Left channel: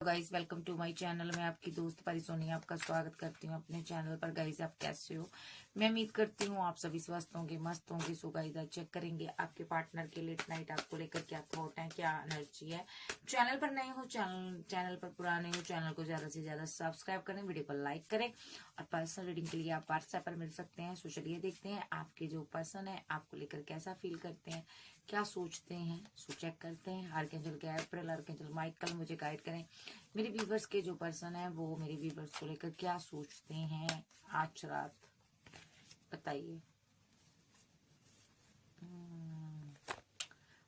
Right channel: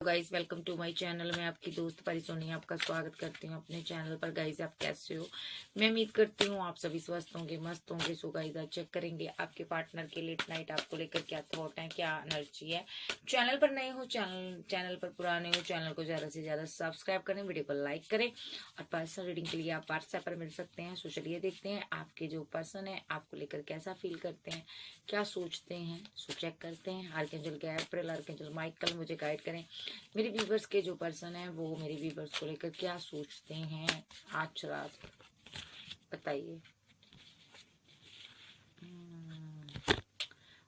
Guys, welcome to my channel. मैं आपकी दोस्त परिसोनी आपका स्वागत करती हूँ अपने चैनल पर। गाइस, आप कैसे हो? मैं उम्मीद करती हूँ आप सभी स्वस्थ होंगे, मस्त होंगे। सो गाइस, आज चेक करेंगे आपके पार्टनर के लेट नाइट आपको लेकर क्या थॉट है, क्या एनर्जी है। चैनल पर नए हो, चैनल पर पुराने हो, चैनल को ज्यादा से ज्यादा सब्सक्राइब करें, वीडियो को लाइक करें। और पर्सनल रीडिंग के लिए आप व्हाट्सएप पर मिल सकते हैं। सो चलिए देखते हैं आपके जो पर्सन है आपको लेकर कैसा फील करते हैं, क्या सोचते हैं। सो चेक करते हैं। आर्कएंजल गैब्रियल, आर्कएंजल माइकल मुझे गाइड करें। मेरे व्यूवर्स के जो पर्सन है वो मेरे व्यूवर्स को लेकर क्या सोचते हैं आज रात, बताइए।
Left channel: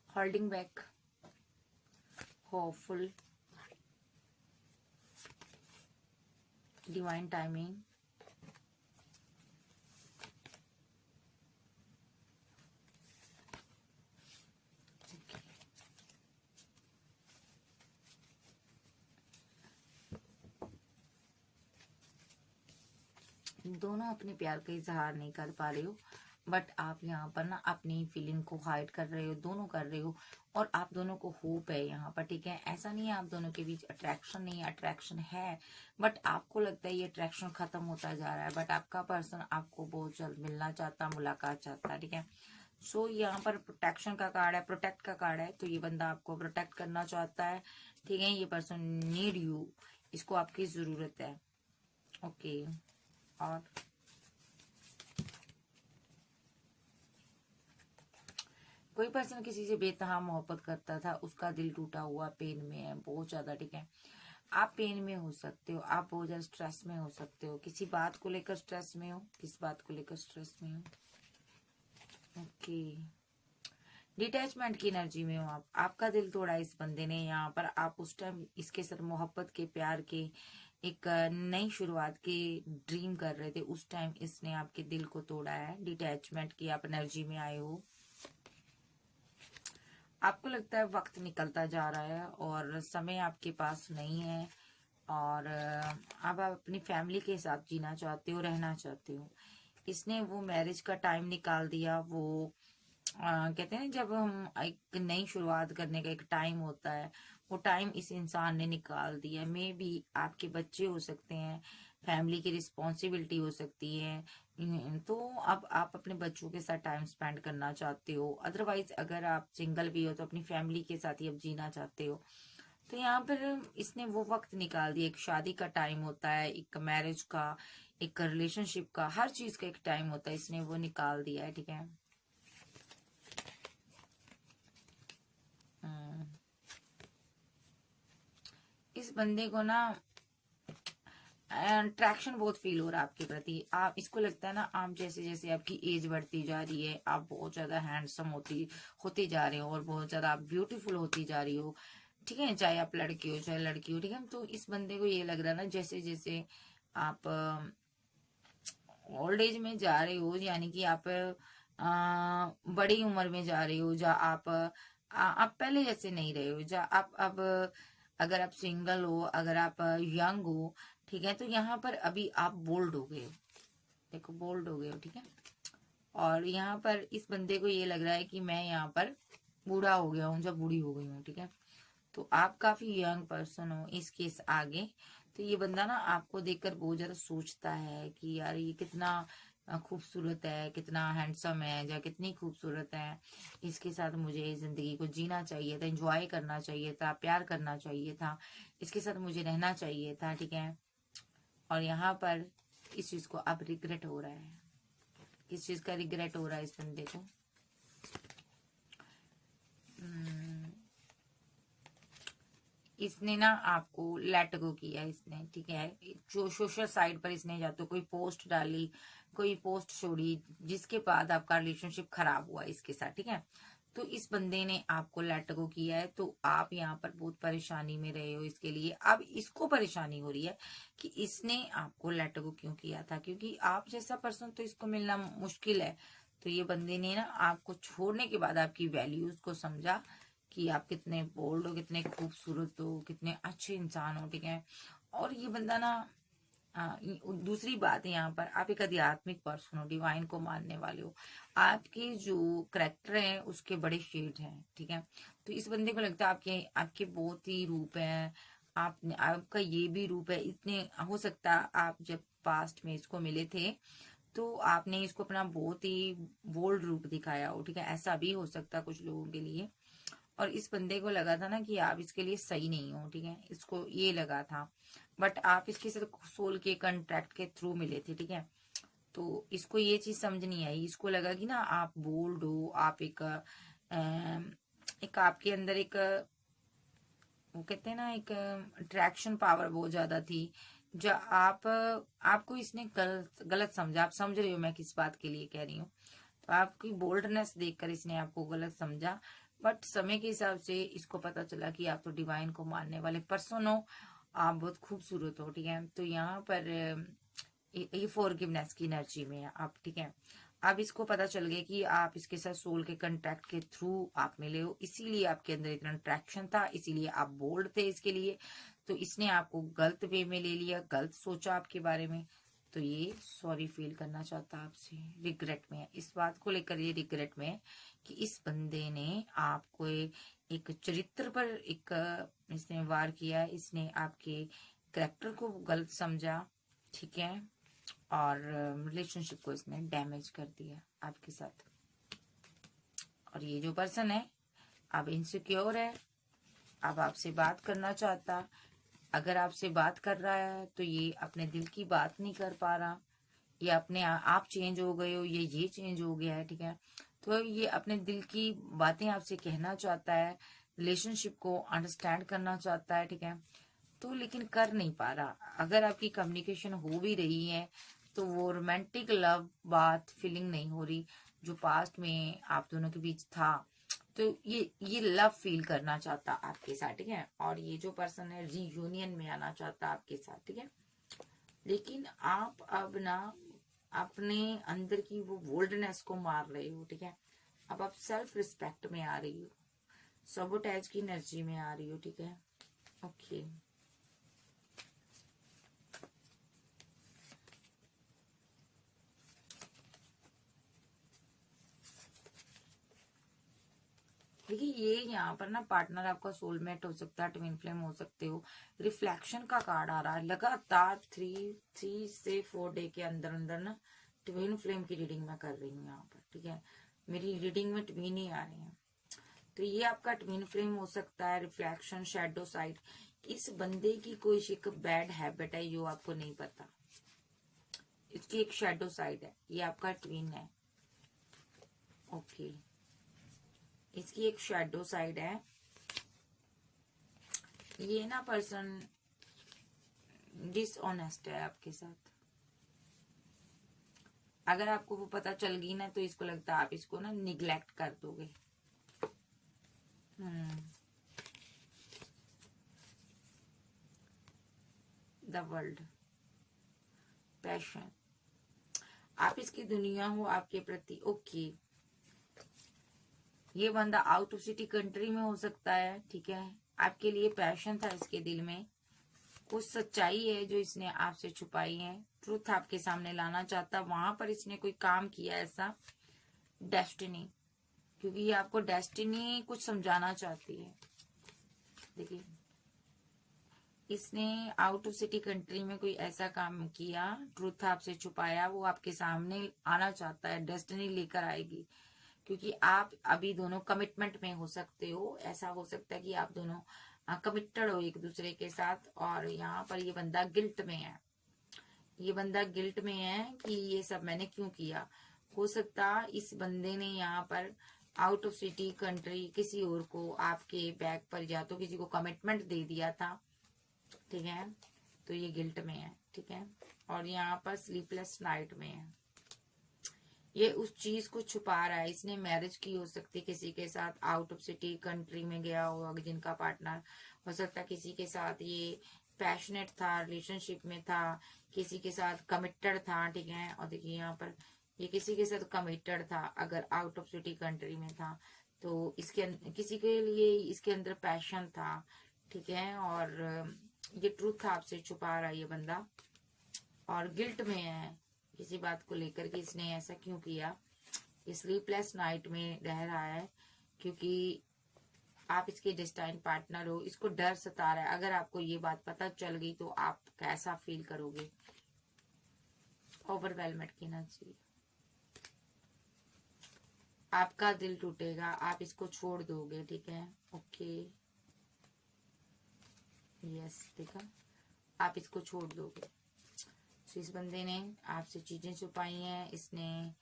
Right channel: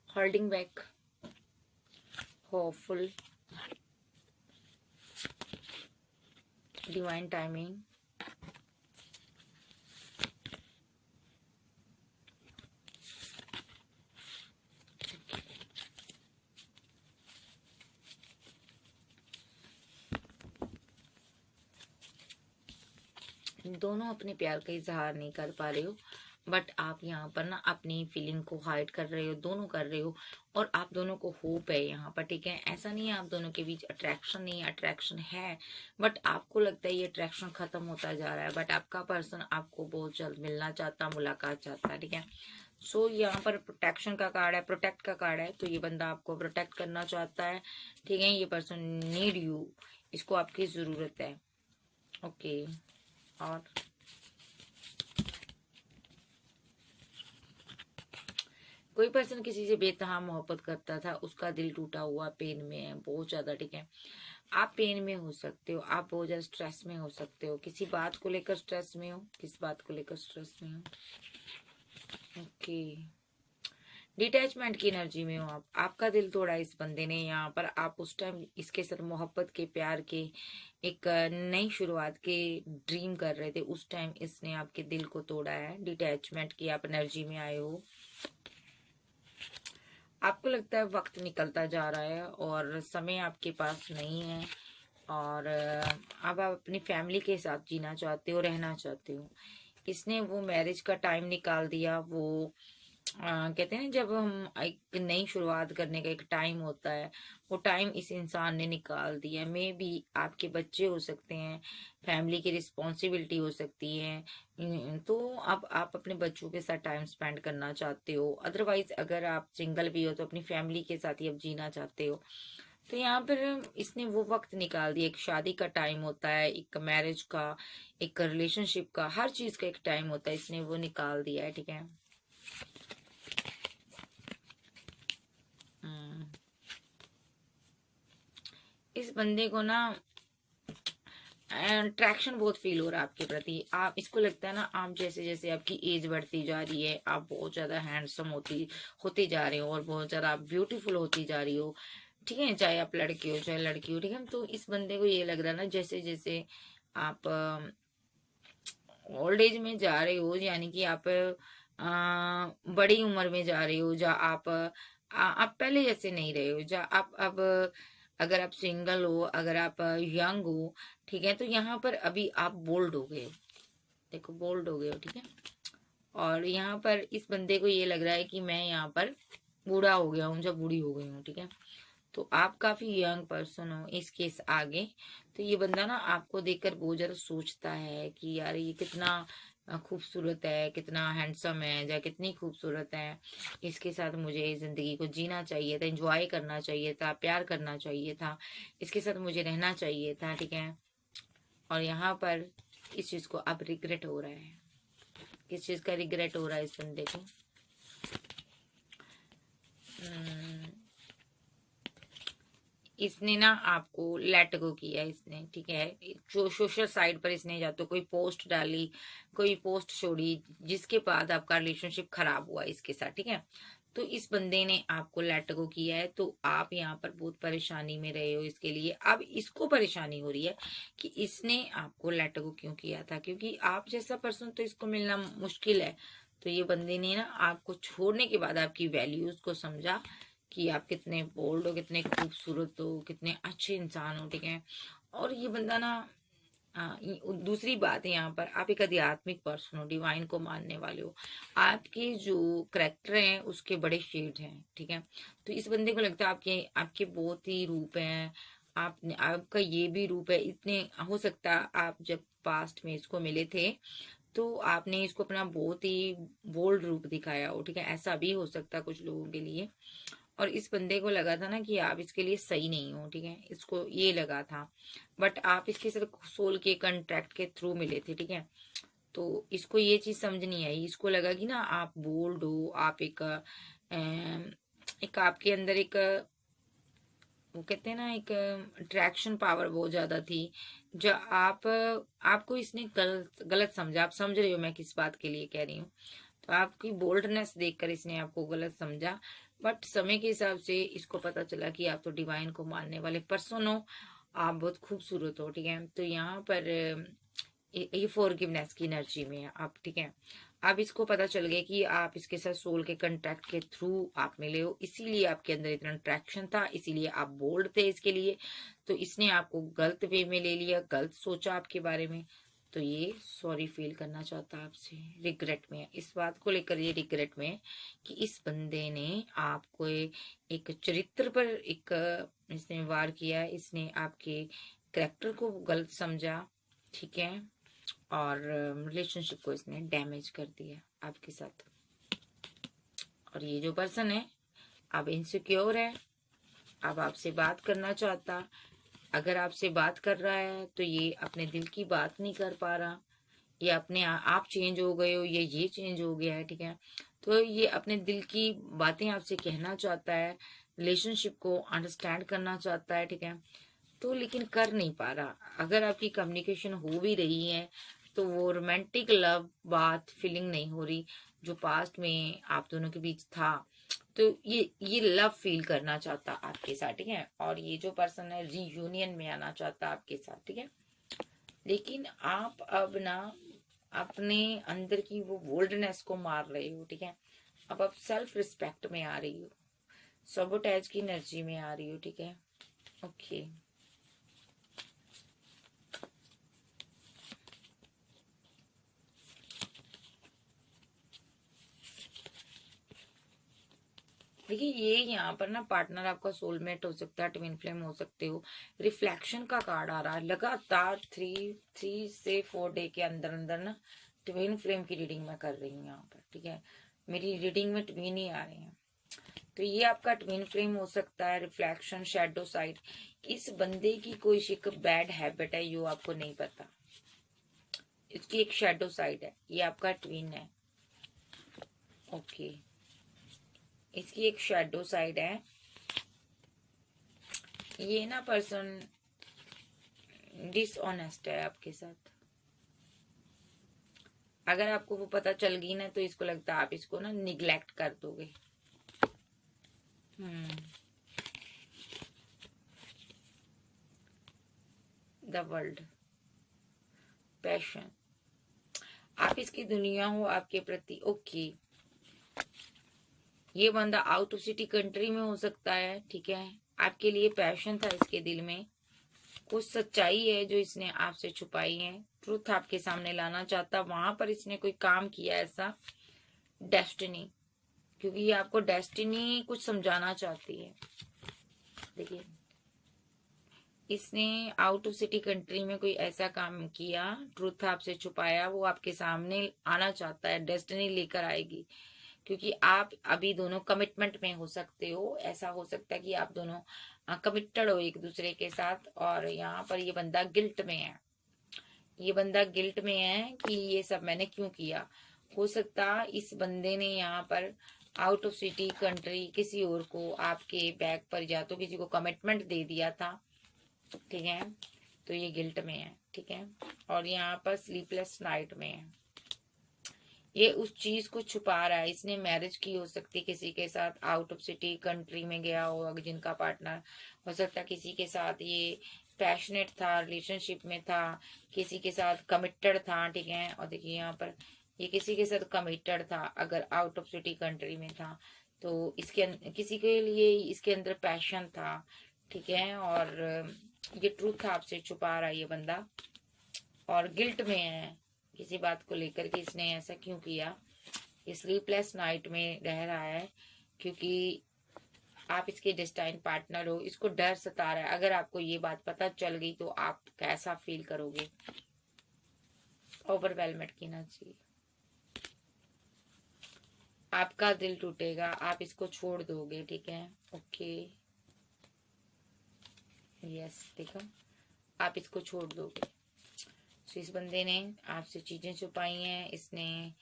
Holding back, hopeful, divine timing, दोनों अपने प्यार का इजहार नहीं कर पा रहे हो, बट आप यहाँ पर ना अपनी फीलिंग को हाइड कर रहे हो, दोनों कर रहे हो। और आप दोनों को होप है यहाँ पर, ठीक है। ऐसा नहीं है आप दोनों के बीच अट्रैक्शन नहीं है, अट्रैक्शन है। बट आपको लगता है ये अट्रैक्शन खत्म होता जा रहा है, बट आपका पर्सन आपको बहुत जल्द मिलना चाहता, मुलाकात चाहता है, ठीक है। सो यहाँ पर प्रोटेक्शन का कार्ड है, प्रोटेक्ट का कार्ड है। तो ये बंदा आपको प्रोटेक्ट करना चाहता है, ठीक है। ये पर्सन नीड यू, इसको आपकी जरूरत है। ओके। और कोई पर्सन किसी से बेतहा मोहब्बत करता था, उसका दिल टूटा हुआ, पेन में है बहुत ज्यादा, ठीक है। आप पेन में हो सकते हो, आप बहुत ज्यादा स्ट्रेस में हो सकते हो, किसी बात को लेकर स्ट्रेस में हो, किस बात को लेकर स्ट्रेस में हो। ओके। डिटैचमेंट की एनर्जी में हो आप, आपका दिल तोड़ा इस बंदे ने यहाँ पर। आप उस टाइम इसके साथ मोहब्बत के, प्यार के, एक नई शुरुआत के ड्रीम कर रहे थे, उस टाइम इसने आपके दिल को तोड़ा है। डिटैचमेंट की आप एनर्जी में आए हो। आपको लगता है वक्त निकलता जा रहा है और समय आपके पास नहीं है। और अब आप अपनी फैमिली के साथ जीना चाहते हो, रहना चाहते हो। इसने वो मैरिज का टाइम निकाल दिया। वो कहते हैं जब हम एक नई शुरुआत करने का एक टाइम होता है, वो टाइम इस इंसान ने निकाल दिया। मे बी आपके बच्चे हो सकते हैं, फैमिली की रिस्पॉन्सिबिलिटी हो सकती है। तो अब आप अपने बच्चों के साथ टाइम स्पेंड करना चाहते हो। अदरवाइज अगर आप सिंगल भी हो तो अपनी फैमिली के साथ ही अब जीना चाहते हो। तो यहाँ पर इसने वो वक्त निकाल दिया। एक शादी का टाइम होता है, एक मैरिज का, एक रिलेशनशिप का, हर चीज का एक टाइम होता है, इसने वो निकाल दिया है, ठीक है। इस बंदे को ना अट्रैक्शन बहुत फील हो रहा है आपके प्रति। आप इसको लगता है ना, आप जैसे जैसे आपकी एज बढ़ती जा रही है, आप बहुत ज्यादा हैंडसम होते जा रहे हो और बहुत ज्यादा आप ब्यूटीफुल होती जा रही हो, ठीक है। चाहे आप लड़के हो चाहे लड़की हो, ठीक है। तो इस बंदे को ये लग रहा है ना, जैसे जैसे आप ओल्ड एज में जा रहे हो, यानी कि आप बड़ी उम्र में जा रहे हो, जा आप पहले जैसे नहीं रहे हो, जा आप अब अगर आप सिंगल हो, अगर आप यंग हो, ठीक है। तो यहाँ पर अभी आप बोल्ड हो गए, देखो बोल्ड हो गए हो, ठीक है। और यहाँ पर इस बंदे को ये लग रहा है कि मैं यहाँ पर बूढ़ा हो गया हूँ, जब बूढ़ी हो गई हूँ, ठीक है। तो आप काफी यंग पर्सन हो इसके आगे। तो ये बंदा ना आपको देखकर बहुत ज्यादा सोचता है कि यार ये कितना खूबसूरत है, कितना हैंडसम है, या कितनी खूबसूरत है। इसके साथ मुझे जिंदगी को जीना चाहिए था, एंजॉय करना चाहिए था, प्यार करना चाहिए था, इसके साथ मुझे रहना चाहिए था, ठीक है। और यहाँ पर इस चीज को अब रिग्रेट हो रहा है। किस चीज का रिग्रेट हो रहा है इस बंदे को? इसने ना आपको लेट गो किया इसने, ठीक है। जो सोशल साइट पर इसने या तो कोई पोस्ट डाली, कोई पोस्ट छोड़ी, जिसके बाद आपका रिलेशनशिप खराब हुआ इसके साथ, ठीक है। तो इस बंदे ने आपको लेट गो किया है। तो आप यहाँ पर बहुत परेशानी में रहे हो इसके लिए। अब इसको परेशानी हो रही है कि इसने आपको लेट गो क्यों किया था, क्योंकि आप जैसा पर्सन तो इसको मिलना मुश्किल है। तो ये बंदे ने ना आपको छोड़ने के बाद आपकी वैल्यूज को समझा कि आप कितने बोल्ड हो, कितने खूबसूरत हो, कितने अच्छे इंसान हो, ठीक है। और ये बंदा ना दूसरी बात है, यहाँ पर आप एक आध्यात्मिक पर्सन हो, डिवाइन को मानने वाले हो। आपके जो करेक्टर हैं उसके बड़े शेड हैं, ठीक है। तो इस बंदे को लगता है आपके आपके बहुत ही रूप हैं, आपने आपका ये भी रूप है। इतने हो सकता है आप जब पास्ट में इसको मिले थे तो आपने इसको अपना बहुत ही बोल्ड रूप दिखाया हो, ठीक है, ऐसा भी हो सकता है कुछ लोगों के लिए। और इस बंदे को लगा था ना कि आप इसके लिए सही नहीं हो, ठीक है, इसको ये लगा था, बट आप इसके सिर्फ सोल के कॉन्ट्रैक्ट के थ्रू मिले थे, ठीक है। तो इसको ये चीज समझ नहीं आई, इसको लगा कि ना आप बोल्ड हो, आप एक आपके अंदर एक वो कहते हैं ना एक अट्रैक्शन पावर बहुत ज्यादा थी। जो आपको इसने गलत गलत समझा, आप समझ रहे हो मैं किस बात के लिए कह रही हूँ। तो आपकी बोल्डनेस देखकर इसने आपको गलत समझा, बट समय के हिसाब से इसको पता चला कि आप तो डिवाइन को मानने वाले पर्सन हो, आप बहुत खूबसूरत हो, ठीक है। तो यहाँ पर ये फॉरगिवनेस की एनर्जी में है आप, ठीक है। अब इसको पता चल गया कि आप इसके साथ सोल के कांटेक्ट के थ्रू आप मिले हो, इसीलिए आपके अंदर इतना अट्रैक्शन था, इसीलिए आप बोल्ड थे इसके लिए। तो इसने आपको गलत वे में ले लिया, गलत सोचा आपके बारे में। तो ये सॉरी फील करना चाहता आपसे, रिग्रेट में है, इस बात को लेकर ये रिग्रेट में है कि इस बंदे ने आपको एक चरित्र पर एक इसने वार किया है, इसने आपके करेक्टर को गलत समझा, ठीक है, और रिलेशनशिप को इसने डैमेज कर दिया आपके साथ। और ये जो पर्सन है अब इनसिक्योर है, अब आपसे बात करना चाहता, अगर आपसे बात कर रहा है तो ये अपने दिल की बात नहीं कर पा रहा, ये अपने आप चेंज हो गए हो, ये चेंज हो गया है, ठीक है। तो ये अपने दिल की बातें आपसे कहना चाहता है, रिलेशनशिप को अंडरस्टैंड करना चाहता है, ठीक है, तो लेकिन कर नहीं पा रहा। अगर आपकी कम्युनिकेशन हो भी रही है तो वो रोमांटिक लव बात फीलिंग नहीं हो रही जो पास्ट में आप दोनों के बीच था। तो ये लव फील करना चाहता आपके साथ, ठीक है। और ये जो पर्सन है रीयूनियन में आना चाहता आपके साथ, ठीक है। लेकिन आप अब ना अपने अंदर की वो बोल्डनेस को मार रहे हो, ठीक है। अब आप सेल्फ रिस्पेक्ट में आ रही हो, सबोटैज की एनर्जी में आ रही हो, ठीक है। ओके, देखिए ये यहाँ पर ना पार्टनर आपका सोलमेट हो सकता है, ट्विन फ्लेम हो सकते हो। रिफ्लेक्शन का कार्ड आ रहा है लगातार, थ्री से 4 डे के अंदर अंदर ना ट्विन फ्लेम की रीडिंग मैं कर रही हूँ यहाँ पर, ठीक है। मेरी रीडिंग में ट्विन ही आ रहे हैं, तो ये आपका ट्विन फ्लेम हो सकता है। रिफ्लेक्शन, शैडो साइड, इस बंदे की कोई एक बैड हैबिट है जो आपको नहीं पता, इसकी एक शैडो साइड है, ये आपका ट्विन है, ओके। इसकी एक शैडो साइड है, ये ना पर्सन डिसऑनेस्ट है आपके साथ। अगर आपको वो पता चल गई ना तो इसको लगता है आप इसको ना निग्लेक्ट कर दोगे। द वर्ल्ड, पैशन, आप इसकी दुनिया हो आपके प्रति, ओके। ये बंदा आउट ऑफ सिटी कंट्री में हो सकता है, ठीक है। आपके लिए पैशन था इसके दिल में, कुछ सच्चाई है जो इसने आपसे छुपाई है, ट्रूथ आपके सामने लाना चाहता, वहां पर इसने कोई काम किया ऐसा, डेस्टिनी, क्योंकि ये आपको डेस्टिनी कुछ समझाना चाहती है। देखिए इसने आउट ऑफ सिटी कंट्री में कोई ऐसा काम किया, ट्रूथ आपसे छुपाया, वो आपके सामने आना चाहता है, डेस्टिनी लेकर आएगी। क्योंकि आप अभी दोनों कमिटमेंट में हो सकते हो, ऐसा हो सकता है कि आप दोनों कमिटेड हो एक दूसरे के साथ। और यहाँ पर ये बंदा गिल्ट में है, ये बंदा गिल्ट में है कि ये सब मैंने क्यों किया। हो सकता इस बंदे ने यहाँ पर आउट ऑफ सिटी कंट्री किसी और को आपके बैक पर या तो किसी को कमिटमेंट दे दिया था, ठीक है। तो ये गिल्ट में है, ठीक है। और यहाँ पर स्लीपलेस नाइट में है, ये उस चीज को छुपा रहा है। इसने मैरिज की हो सकती किसी के साथ, आउट ऑफ सिटी कंट्री में गया हो जिनका पार्टनर, हो सकता किसी के साथ ये पैशनेट था, रिलेशनशिप में था, किसी के साथ कमिटेड था, ठीक है। और देखिए यहाँ पर ये किसी के साथ कमिटेड था, अगर आउट ऑफ सिटी कंट्री में था तो इसके किसी के लिए इसके अंदर पैशन था, ठीक है। और ये ट्रूथ आपसे छुपा रहा है ये बंदा, और गिल्ट में है किसी बात को लेकर कि इसने ऐसा क्यों किया। ये स्लीपलेस नाइट में रह रहा है क्योंकि आप इसके डेस्टाइन पार्टनर हो, इसको डर सता रहा है। अगर आपको ये बात पता चल गई तो आप कैसा फील करोगे? ओवरवेलमेंट की एनर्जी, आपका दिल टूटेगा, आप इसको छोड़ दोगे, ठीक है। ओके, यस, देखो आप इसको छोड़ दोगे। तो इस बंदे ने आपसे चीजें छुपाई हैं, इसने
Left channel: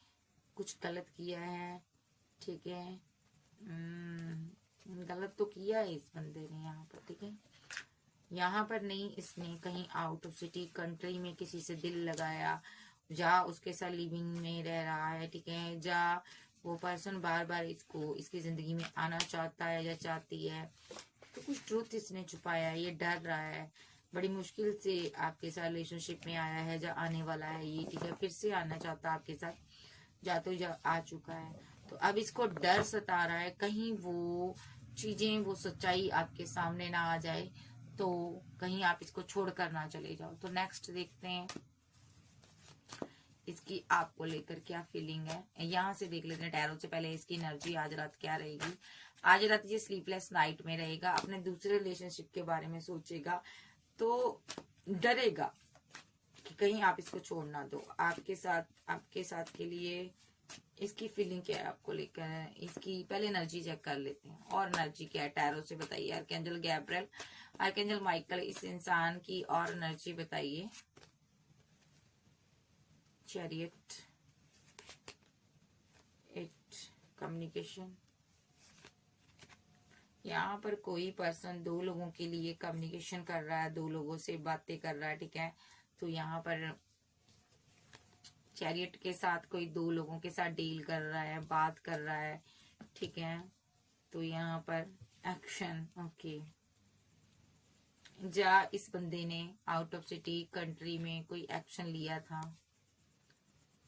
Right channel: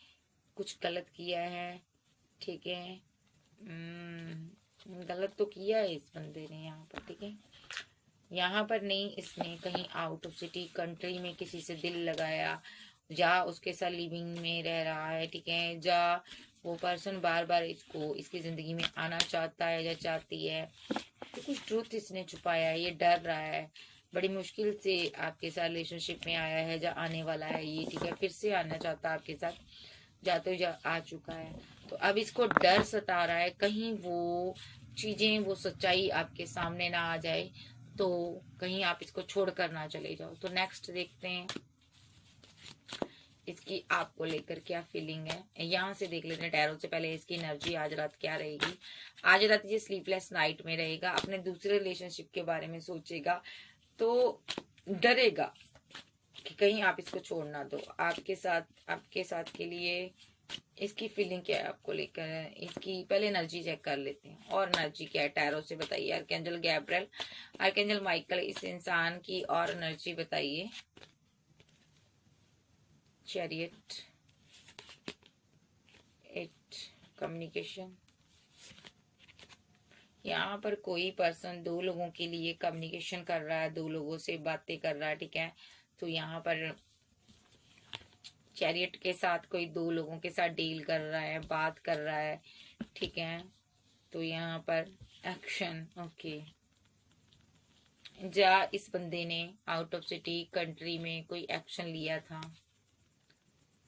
कुछ गलत किया है, ठीक है। गलत तो किया है इस बंदे ने यहाँ पर, ठीक है। यहाँ पर नहीं, इसने कहीं आउट ऑफ सिटी कंट्री में किसी से दिल लगाया, जा उसके साथ लिविंग में रह रहा है, ठीक है। जा वो पर्सन बार बार इसको इसकी जिंदगी में आना चाहता है या चाहती है, तो कुछ ट्रूथ इसने छुपाया है, ये डर रहा है, बड़ी मुश्किल से आपके साथ रिलेशनशिप में आया है, जा आने वाला है ये, ठीक है। फिर से आना चाहता है आपके साथ, जा तो जा आ चुका है। तो अब इसको डर सता रहा है कहीं वो चीजें, वो सच्चाई आपके सामने ना आ जाए, तो कहीं आप इसको छोड़कर ना चले जाओ। तो नेक्स्ट देखते हैं इसकी आपको लेकर क्या फीलिंग है। यहाँ से देख लेते हैं टैरो से पहले इसकी एनर्जी आज रात क्या रहेगी। आज रात ये स्लीपलेस नाइट में रहेगा, अपने दूसरे रिलेशनशिप के बारे में सोचेगा, तो डरेगा कि कहीं आप इसको छोड़ ना दो। आपके साथ के लिए इसकी फीलिंग क्या है आपको लेकर, इसकी पहले एनर्जी चेक कर लेते हैं। और एनर्जी क्या है टैरो से बताइए। आर्कएंजल गैब्रिएल, आर्कएंजल माइकल, इस इंसान की और एनर्जी बताइए। Chariot, 8 communication. यहाँ पर कोई पर्सन 2 लोगों के लिए कम्युनिकेशन कर रहा है, 2 लोगों से बातें कर रहा है, ठीक है। तो यहाँ पर चैरियट के साथ कोई 2 लोगों के साथ डील कर रहा है, बात कर रहा है, ठीक है। तो यहाँ पर एक्शन, ओके। जा इस बंदे ने आउट ऑफ सिटी कंट्री में कोई एक्शन लिया था,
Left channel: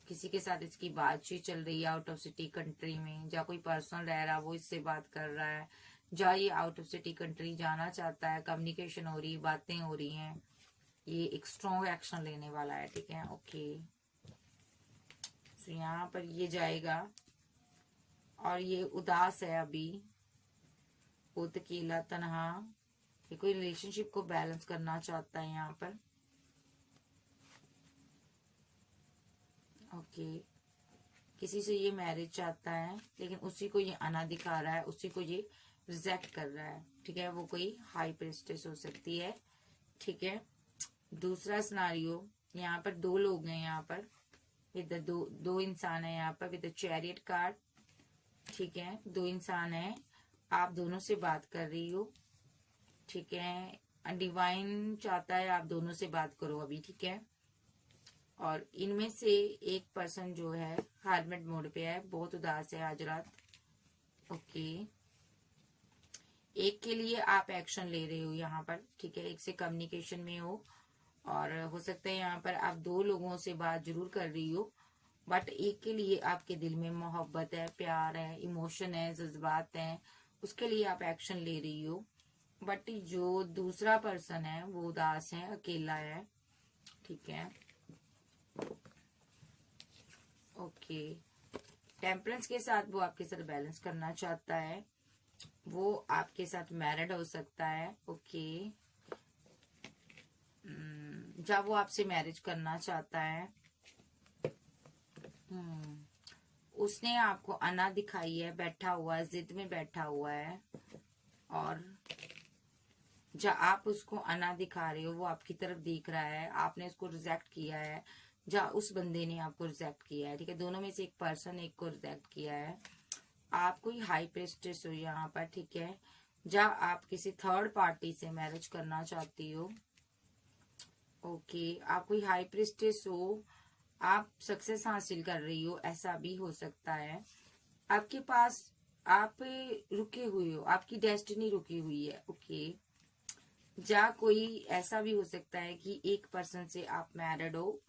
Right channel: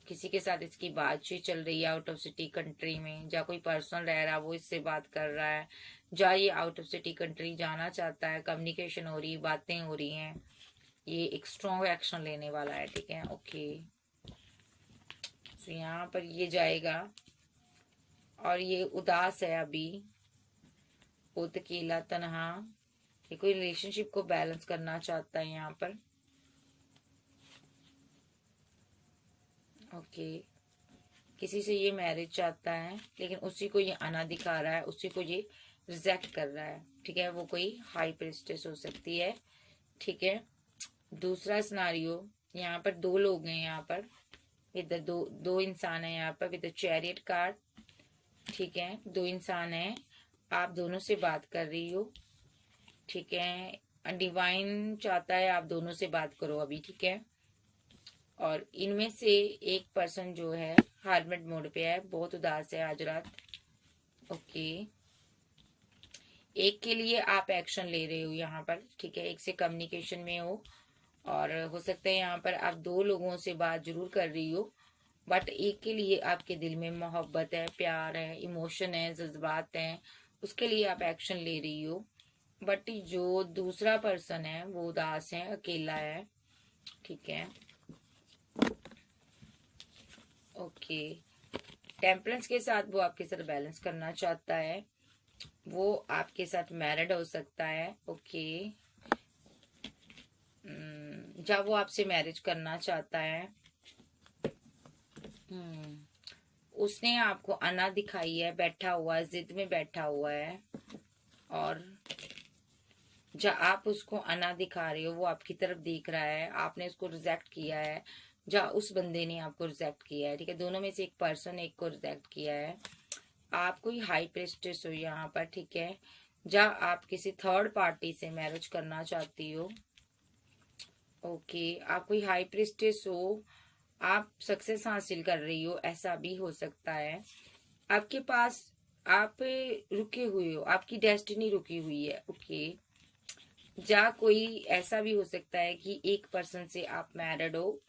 किसी के साथ इसकी बातचीत चल रही है आउट ऑफ सिटी कंट्री में, जा कोई पर्सन रह रहा है वो इससे बात कर रहा है, जा ये आउट ऑफ सिटी कंट्री जाना चाहता है, कम्युनिकेशन हो रही है, बातें हो रही हैं, ये एक स्ट्रॉन्ग एक्शन लेने वाला है, ठीक है। ओके, तो यहाँ पर ये जाएगा और ये उदास है अभी, खुद अकेला तनहा, ये कोई रिलेशनशिप को बैलेंस करना चाहता है यहाँ पर। ओके, किसी से ये मैरिज चाहता है, लेकिन उसी को ये आना दिखा रहा है, उसी को ये रिजेक्ट कर रहा है, ठीक है। वो कोई हाई प्रिस्टेस हो सकती है, ठीक है। दूसरा सिनारियो, यहाँ पर 2 लोग हैं, यहाँ पर विद दो इंसान है यहाँ पर विद चैरियट कार्ड, ठीक है। 2 इंसान है, आप दोनों से बात कर रही हो, ठीक है। डिवाइन चाहता है आप दोनों से बात करो अभी, ठीक है। और इनमें से एक पर्सन जो है हार्मिट मोड पे है, बहुत उदास है आज रात। ओके, एक के लिए आप एक्शन ले रहे हो यहाँ पर, ठीक है। एक से कम्युनिकेशन में हो, और हो सकता है यहाँ पर आप 2 लोगों से बात जरूर कर रही हो, बट एक के लिए आपके दिल में मोहब्बत है, प्यार है, इमोशन है, जज्बात हैं, उसके लिए आप एक्शन ले रही हो। बट जो दूसरा पर्सन है वो उदास है, अकेला है, ठीक है। ओके, टेम्परेंस के साथ वो आपके साथ बैलेंस करना चाहता है, वो आपके साथ मैरिड हो सकता है, ओके। जब वो आपसे मैरिज करना चाहता है, उसने आपको अना दिखाई है, बैठा हुआ है, जिद में बैठा हुआ है, और जब आप उसको अना दिखा रहे हो वो आपकी तरफ देख रहा है, आपने उसको रिजेक्ट किया है, जब उस बंदे ने आपको रिजेक्ट किया है, ठीक है। दोनों में से एक पर्सन एक को रिजेक्ट किया है। आप कोई हाई प्रेस्टेस हो यहाँ पर, ठीक है। जब आप किसी थर्ड पार्टी से मैरिज करना चाहती हो, ओके, आप कोई हाई प्रेस्टेस हो, आप सक्सेस हासिल कर रही हो, ऐसा भी हो सकता है। आपके पास आप रुके हुए हो, आपकी डेस्टिनी रुकी हुई है, ओके। या कोई ऐसा भी हो सकता है कि एक पर्सन से आप मैरिड हो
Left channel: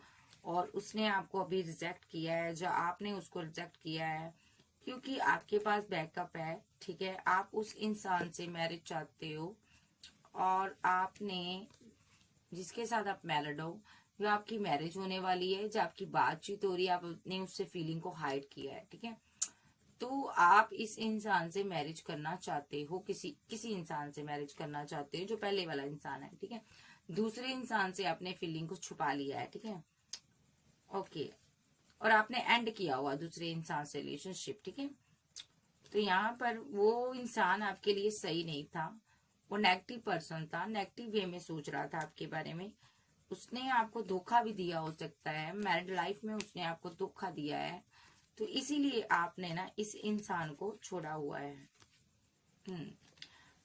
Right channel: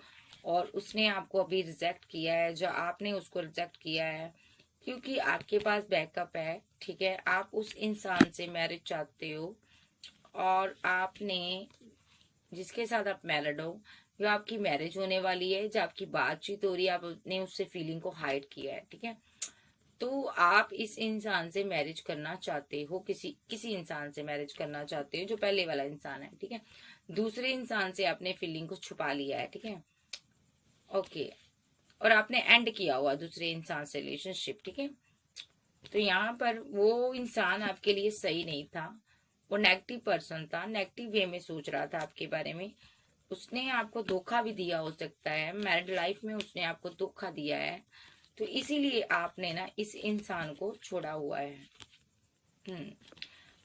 और उसने आपको अभी रिजेक्ट किया है, जो आपने उसको रिजेक्ट किया है, क्योंकि आपके पास बैकअप है, ठीक है। आप उस इंसान से मैरिज चाहते हो, और आपने जिसके साथ आप मैरिड हो, जो आपकी मैरिज होने वाली है, जो आपकी बातचीत हो रही है, आपने उससे फीलिंग को हाइड किया है, ठीक है। तो आप इस इंसान से मैरिज करना चाहते हो, किसी इंसान से मैरिज करना चाहते हो जो पहले वाला इंसान है, ठीक है। दूसरे इंसान से आपने फीलिंग को छुपा लिया है, ठीक है, ओके। और आपने एंड किया हुआ दूसरे इंसान से रिलेशनशिप, ठीक है। तो यहाँ पर वो इंसान आपके लिए सही नहीं था, वो नेगेटिव पर्सन था, नेगेटिव वे में सोच रहा था आपके बारे में। उसने आपको धोखा भी दिया हो सकता है, मैरिड लाइफ में उसने आपको धोखा दिया है, तो इसीलिए आपने ना इस इंसान को छोड़ा हुआ है।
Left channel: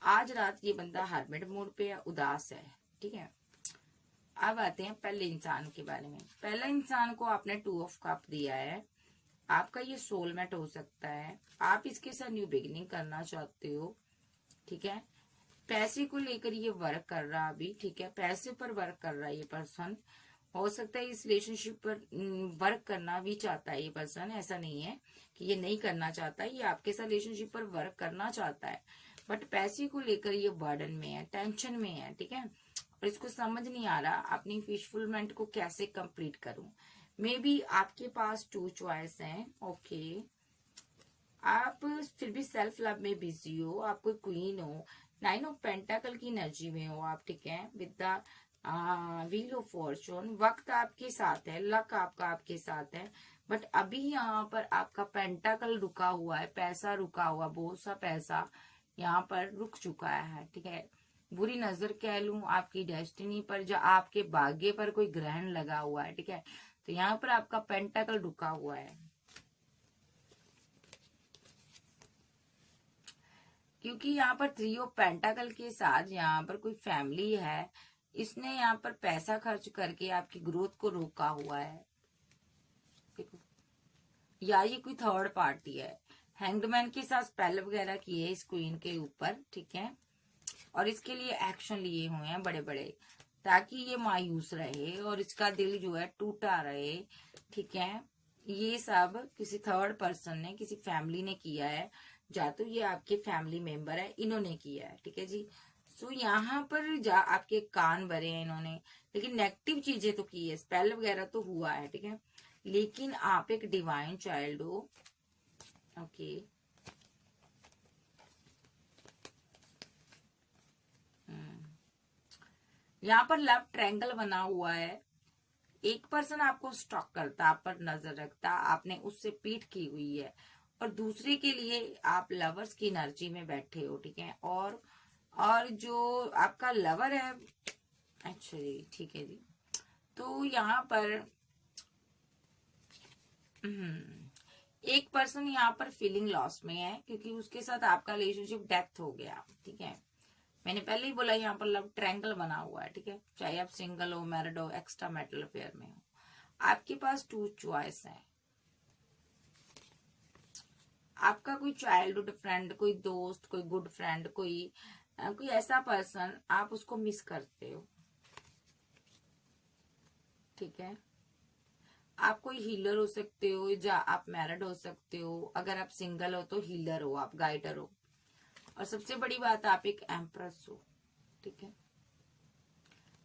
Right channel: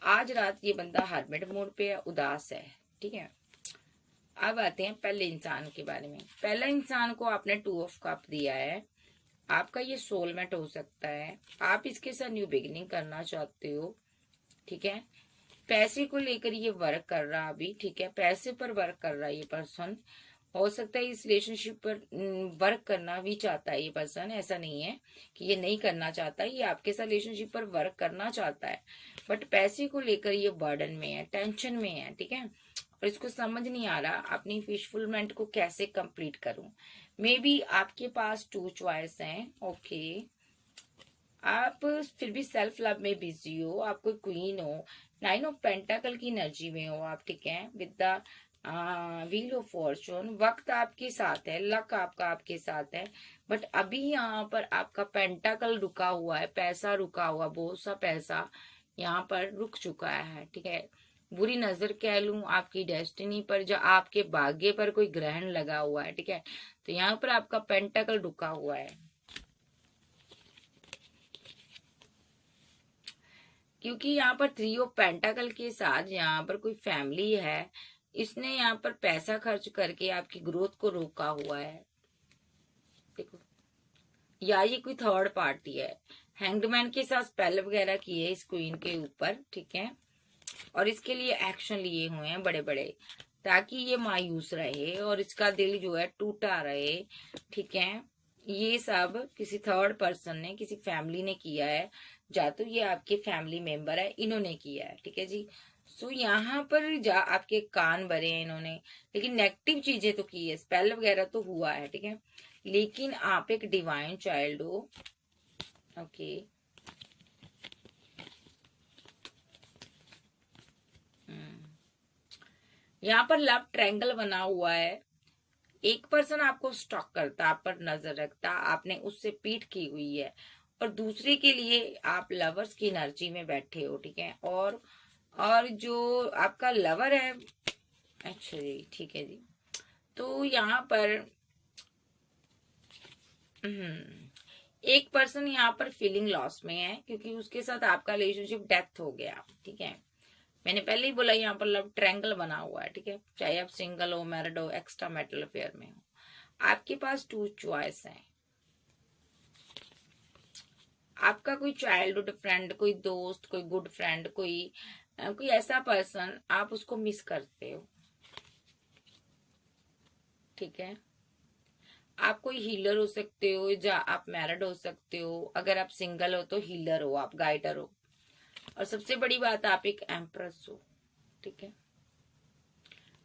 आज रात ये बंदा हार्मिट मोड पे है, उदास है, ठीक है। अब आते हैं पहले इंसान के बारे में। पहला इंसान को आपने 2 ऑफ कप दिया है, आपका ये सोलमेट हो सकता है, आप इसके साथ न्यू बिगिनिंग करना चाहते हो, ठीक है। पैसे को लेकर ये वर्क कर रहा अभी, ठीक है, पैसे पर वर्क कर रहा है ये पर्सन। हो सकता है इस रिलेशनशिप पर वर्क करना भी चाहता है ये पर्सन, ऐसा नहीं है कि ये नहीं करना चाहता, ये आपके साथ रिलेशनशिप पर वर्क करना चाहता है, बट पैसे को लेकर ये बर्डन में है, टेंशन में है, ठीक है। और इसको समझ नहीं आ रहा अपनी फिशफुलमेंट को कैसे कंप्लीट करूं। मे बी आपके पास 2 चॉइस हैं, ओके। आप फिर भी सेल्फ लव में बिजी हो, आप कोई क्वीन हो, 9 ऑफ पेंटाकल की एनर्जी में हो आप, ठीक है, with the wheel of Fortune. वक्त आपके साथ है, लक आपका आपके साथ है, बट अभी यहाँ पर आपका पेंटाकल रुका हुआ है, पैसा रुका हुआ, बहुत सा पैसा यहाँ पर रुक चुका है, ठीक है। बुरी नजर कह लूं आपकी डेस्टिनी पर, जो आपके भाग्य पर कोई ग्रहण लगा हुआ है, ठीक है। तो यहाँ पर आपका पेंटाकल रुका हुआ है, क्योंकि यहाँ पर 3 ऑफ पेंटाकल के साथ यहाँ पर कोई फैमिली है, इसने यहाँ पर पैसा खर्च करके आपकी ग्रोथ को रोका हुआ है, देखो। या ये कोई थर्ड पार्टी है, हैंगमैन के साथ स्पेल वगैरह किए इस क्वीन के ऊपर, ठीक है। और इसके लिए एक्शन लिए हुए हैं बड़े बड़े, ताकि ये मायूस रहे और इसका दिल जो है टूटा रहे, ठीक है। ये सब किसी थर्ड पर्सन ने, किसी फैमिली ने किया है, या तो ये आपके फैमिली मेंबर है, इन्होंने किया है, ठीक है जी। सो यहाँ पर जा आपके कान भरे हैं इन्होंने, लेकिन नेगेटिव चीजें तो की है, स्पेल वगैरह तो हुआ है, ठीक है। लेकिन आप एक डिवाइन चाइल्ड हो, ओके। यहाँ पर लव ट्रायंगल बना हुआ है, एक पर्सन आपको स्टॉक करता, आप पर नजर रखता, आपने उससे पीठ की हुई है, और दूसरे के लिए आप लवर्स की एनर्जी में बैठे हो, ठीक है। और जो आपका लवर है, अच्छा जी, ठीक है जी। तो यहाँ पर एक पर्सन यहाँ पर फीलिंग लॉस में है, क्योंकि उसके साथ आपका रिलेशनशिप डेथ हो गया, ठीक है। मैंने पहले ही बोला यहाँ पर लव ट्रायंगल बना हुआ है, ठीक है। चाहे आप सिंगल हो, मैरिड हो, एक्स्ट्रा मैरिटल अफेयर में हो, आपके पास 2 चॉइस है। आपका कोई चाइल्डहुड फ्रेंड, कोई दोस्त, कोई गुड फ्रेंड, कोई ऐसा पर्सन, आप उसको मिस करते हो, ठीक है। आप कोई हीलर हो सकते हो, या आप मैरिड हो सकते हो, अगर आप सिंगल हो तो हीलर हो, आप गाइडर हो, और सबसे बड़ी बात आप एक एम्प्रेस हो, ठीक है।